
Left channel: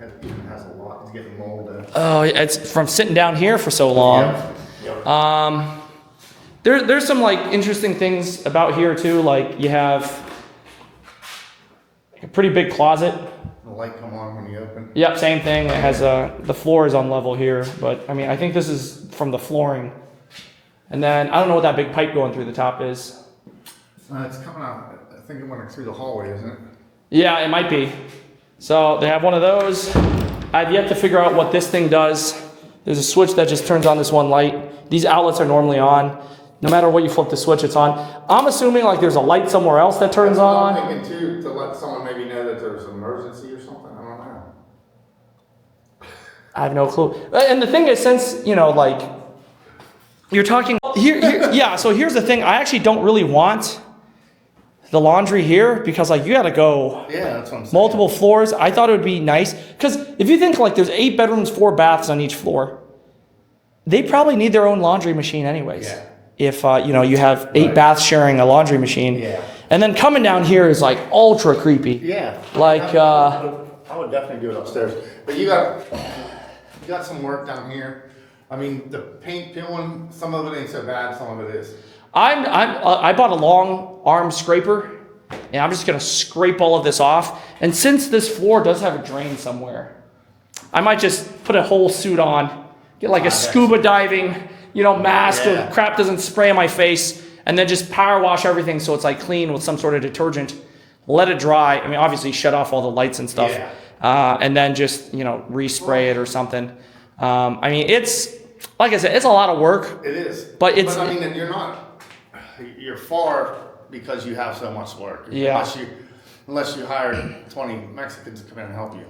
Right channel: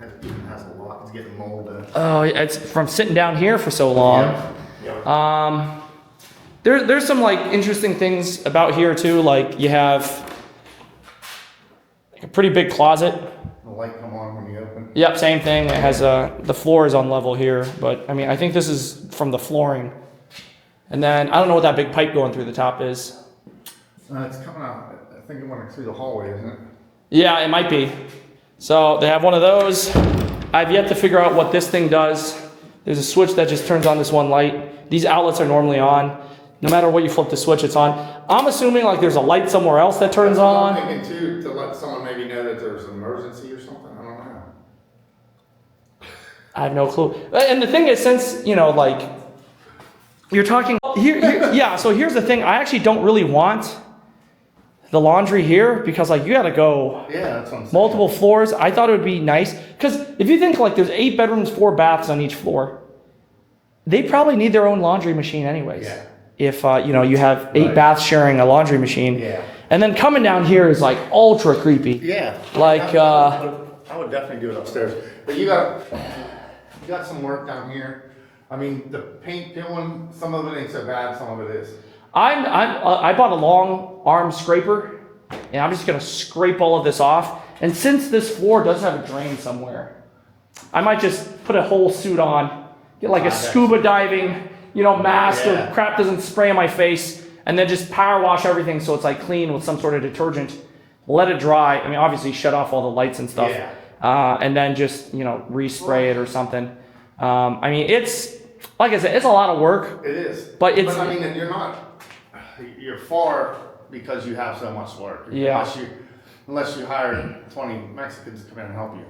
It has a lot. It's getting molded. Oh, it's from sitting down here for so long. Yeah. There's some like interesting things about here too. Like you have like a pretty big closet. The light come on when you open. Yep, same thing. It has the floor is on level here, but I think this is from the flooring. And then I don't know what that big pipe going through the top is. It's coming out. I think it went through the hallway, isn't it? Yeah, it might be. So they have one of those. I've yet to figure out what this thing does. There's a switch that just turns on this one light. These outlets are normally on. No matter what you flip the switch, it's on. I'm assuming like there's a light somewhere else that turns on. I'm thinking too, to let someone maybe know that there's an emergency or something. I don't know. I have no clue. And the thing is, since, you know, like, you're talking here, yeah, so here's the thing. I actually don't really want the laundry here because, like, you got to go Yeah, that's what I'm saying. multiple floors. I thought it would be nice because if you think, like, there's 8 bedrooms, 4 baths on each floor, they probably need their own laundry machine anyways. Yeah. If, you know, you have 8 Right. baths sharing a laundry machine. Yeah. And then coming down here is, like, ultra creepy. Yeah. Like, I would definitely do it upstairs. But you got some work down here. I mean, the paint peeling, some of it ain't so bad, some of it is. I bought a long arm scraper, and I'm just gonna scrape all of this off. And since this floor does have a drain somewhere, I might just put a whole suit on, get like a scuba diving, you know, mask Yeah. or crap doesn't spray on my face, and then just power wash everything so it's like clean with some sort of detergent. Let it dry. I mean, obviously shut off all the lights and stuff, and then just, you know, respray it or something. I mean, it's like I said, it's a lot of work. It is. But it's- I mean, you're far because you have so much work. Yeah. Unless you hire 20 Mexicans to come in and help you.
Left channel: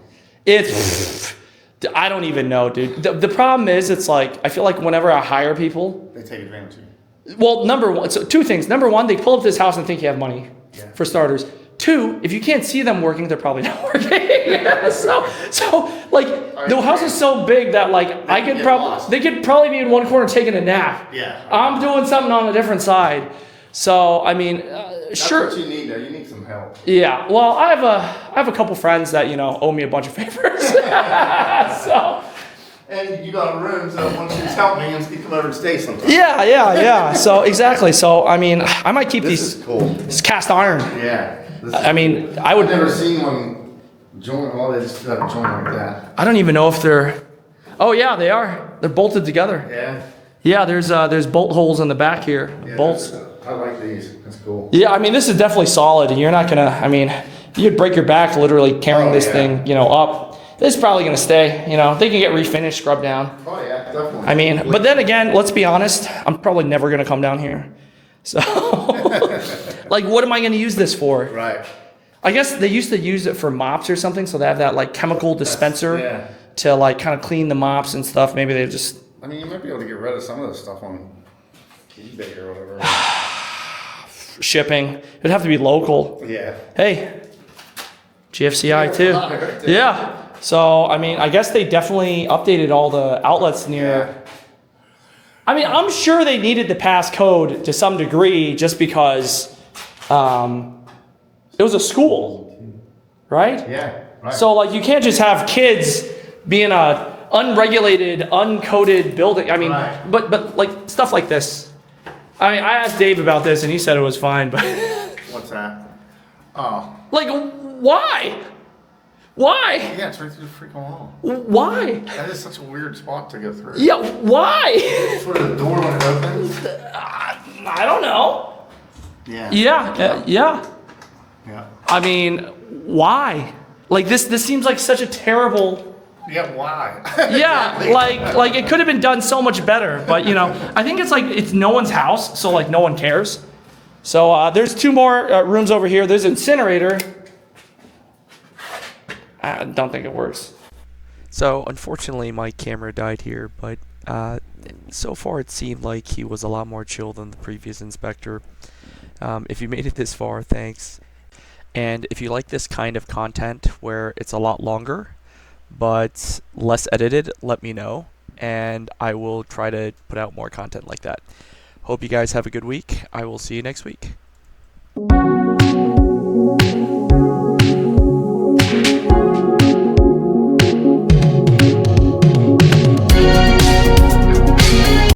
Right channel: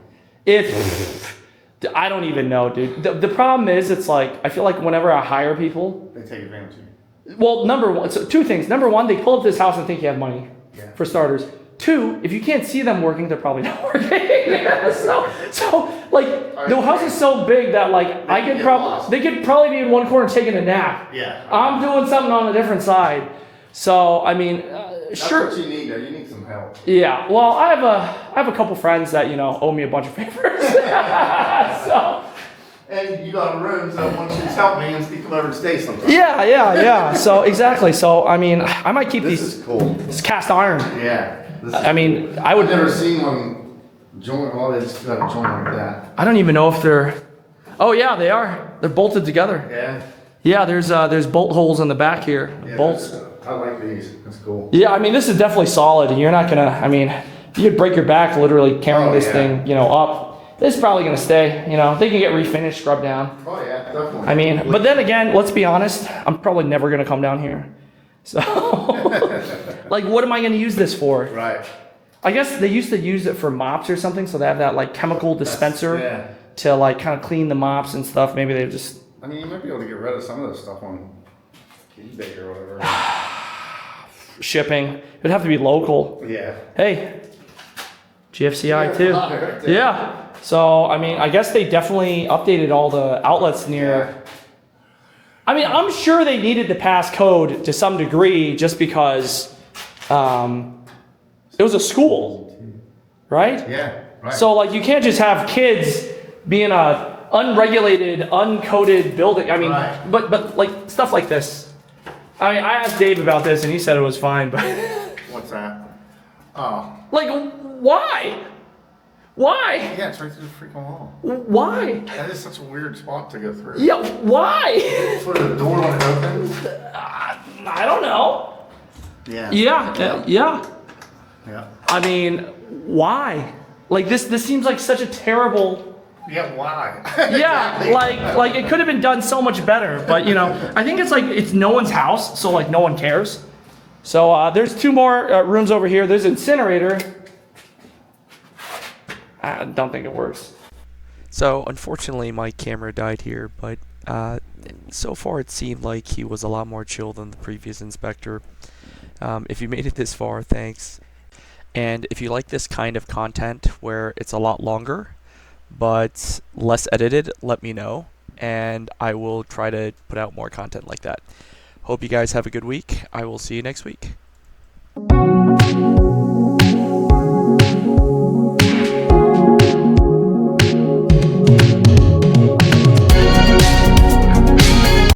It's, I don't even know, dude. The problem is, it's like, I feel like whenever I hire people, They take advantage of you. well, number one, so 2 things. Number one, they pull up to this house and think you have money, Yeah. for starters. 2, if you can't see them working, they're probably not working. so like, the house is so big that like, they could probably be in one corner taking a nap. Yeah. I'm doing something on a different side. So, I mean, That's sure. what you need, though. You need some help. Yeah, well, I have a couple friends that, you know, owe me a bunch of favors. So, And you got a room, so once you tell me, you can come over and stay sometime. yeah. So, exactly. So, I mean, I might keep This these is cool. this cast iron. Yeah. I mean, I I've would. never seen one join. Oh, they just got a joint like that. I don't even know if they're. Oh yeah, they are. They're bolted together. Yeah. Yeah, there's bolt holes in the back here. Yeah, Bolts. I like these. That's cool. Yeah, I mean, this is definitely solid. You're not gonna. I mean, you could break your back literally carrying Oh, this yeah. thing, you know, up. This is probably gonna stay. You know, they can get refinished, scrubbed down. Oh yeah, definitely. I mean, but then again, let's be honest. I'm probably never gonna come down here. So, like, what am I gonna use this for? Right. I guess they used to use it for mops or something, so they have that like chemical dispenser Yeah. to like kind of clean the mops and stuff. Maybe they just I mean, you might be able to get rid of some of this stuff on eBay or whatever. shipping. It'd have to be local. Yeah. Hey, GFCI too. Yeah. So I mean, I guess they definitely updated all the outlets near. I mean, I'm sure they needed the passcode to some degree, just because it was a school, right? Yeah. Right. So like, you can't just have kids be in a unregulated, uncoded building. I mean, Right. but like stuff like this. I mean, I asked Dave about this and he said it was fine, but What's that? Oh. like, why? Why? Yeah, it's right through the freaking wall. Why? That is such a weird spot to go through. Yeah, why? For the door when it opens. I don't know. Yeah. Yeah. Yeah. I mean, why? Like this seems like such a terrible. Yeah. Why? Yeah, like it could have been done so much better, but you know, I think it's no one's house, so like no one cares. So there's 2 more rooms over here. There's incinerator. I don't think it works. So unfortunately my camera died here, but so far it seemed like he was a lot more chill than the previous inspector. If you made it this far, thanks. And if you like this kind of content where it's a lot longer but less edited, let me know and I will try to put out more content like that. Hope you guys have a good week. I will see you next week.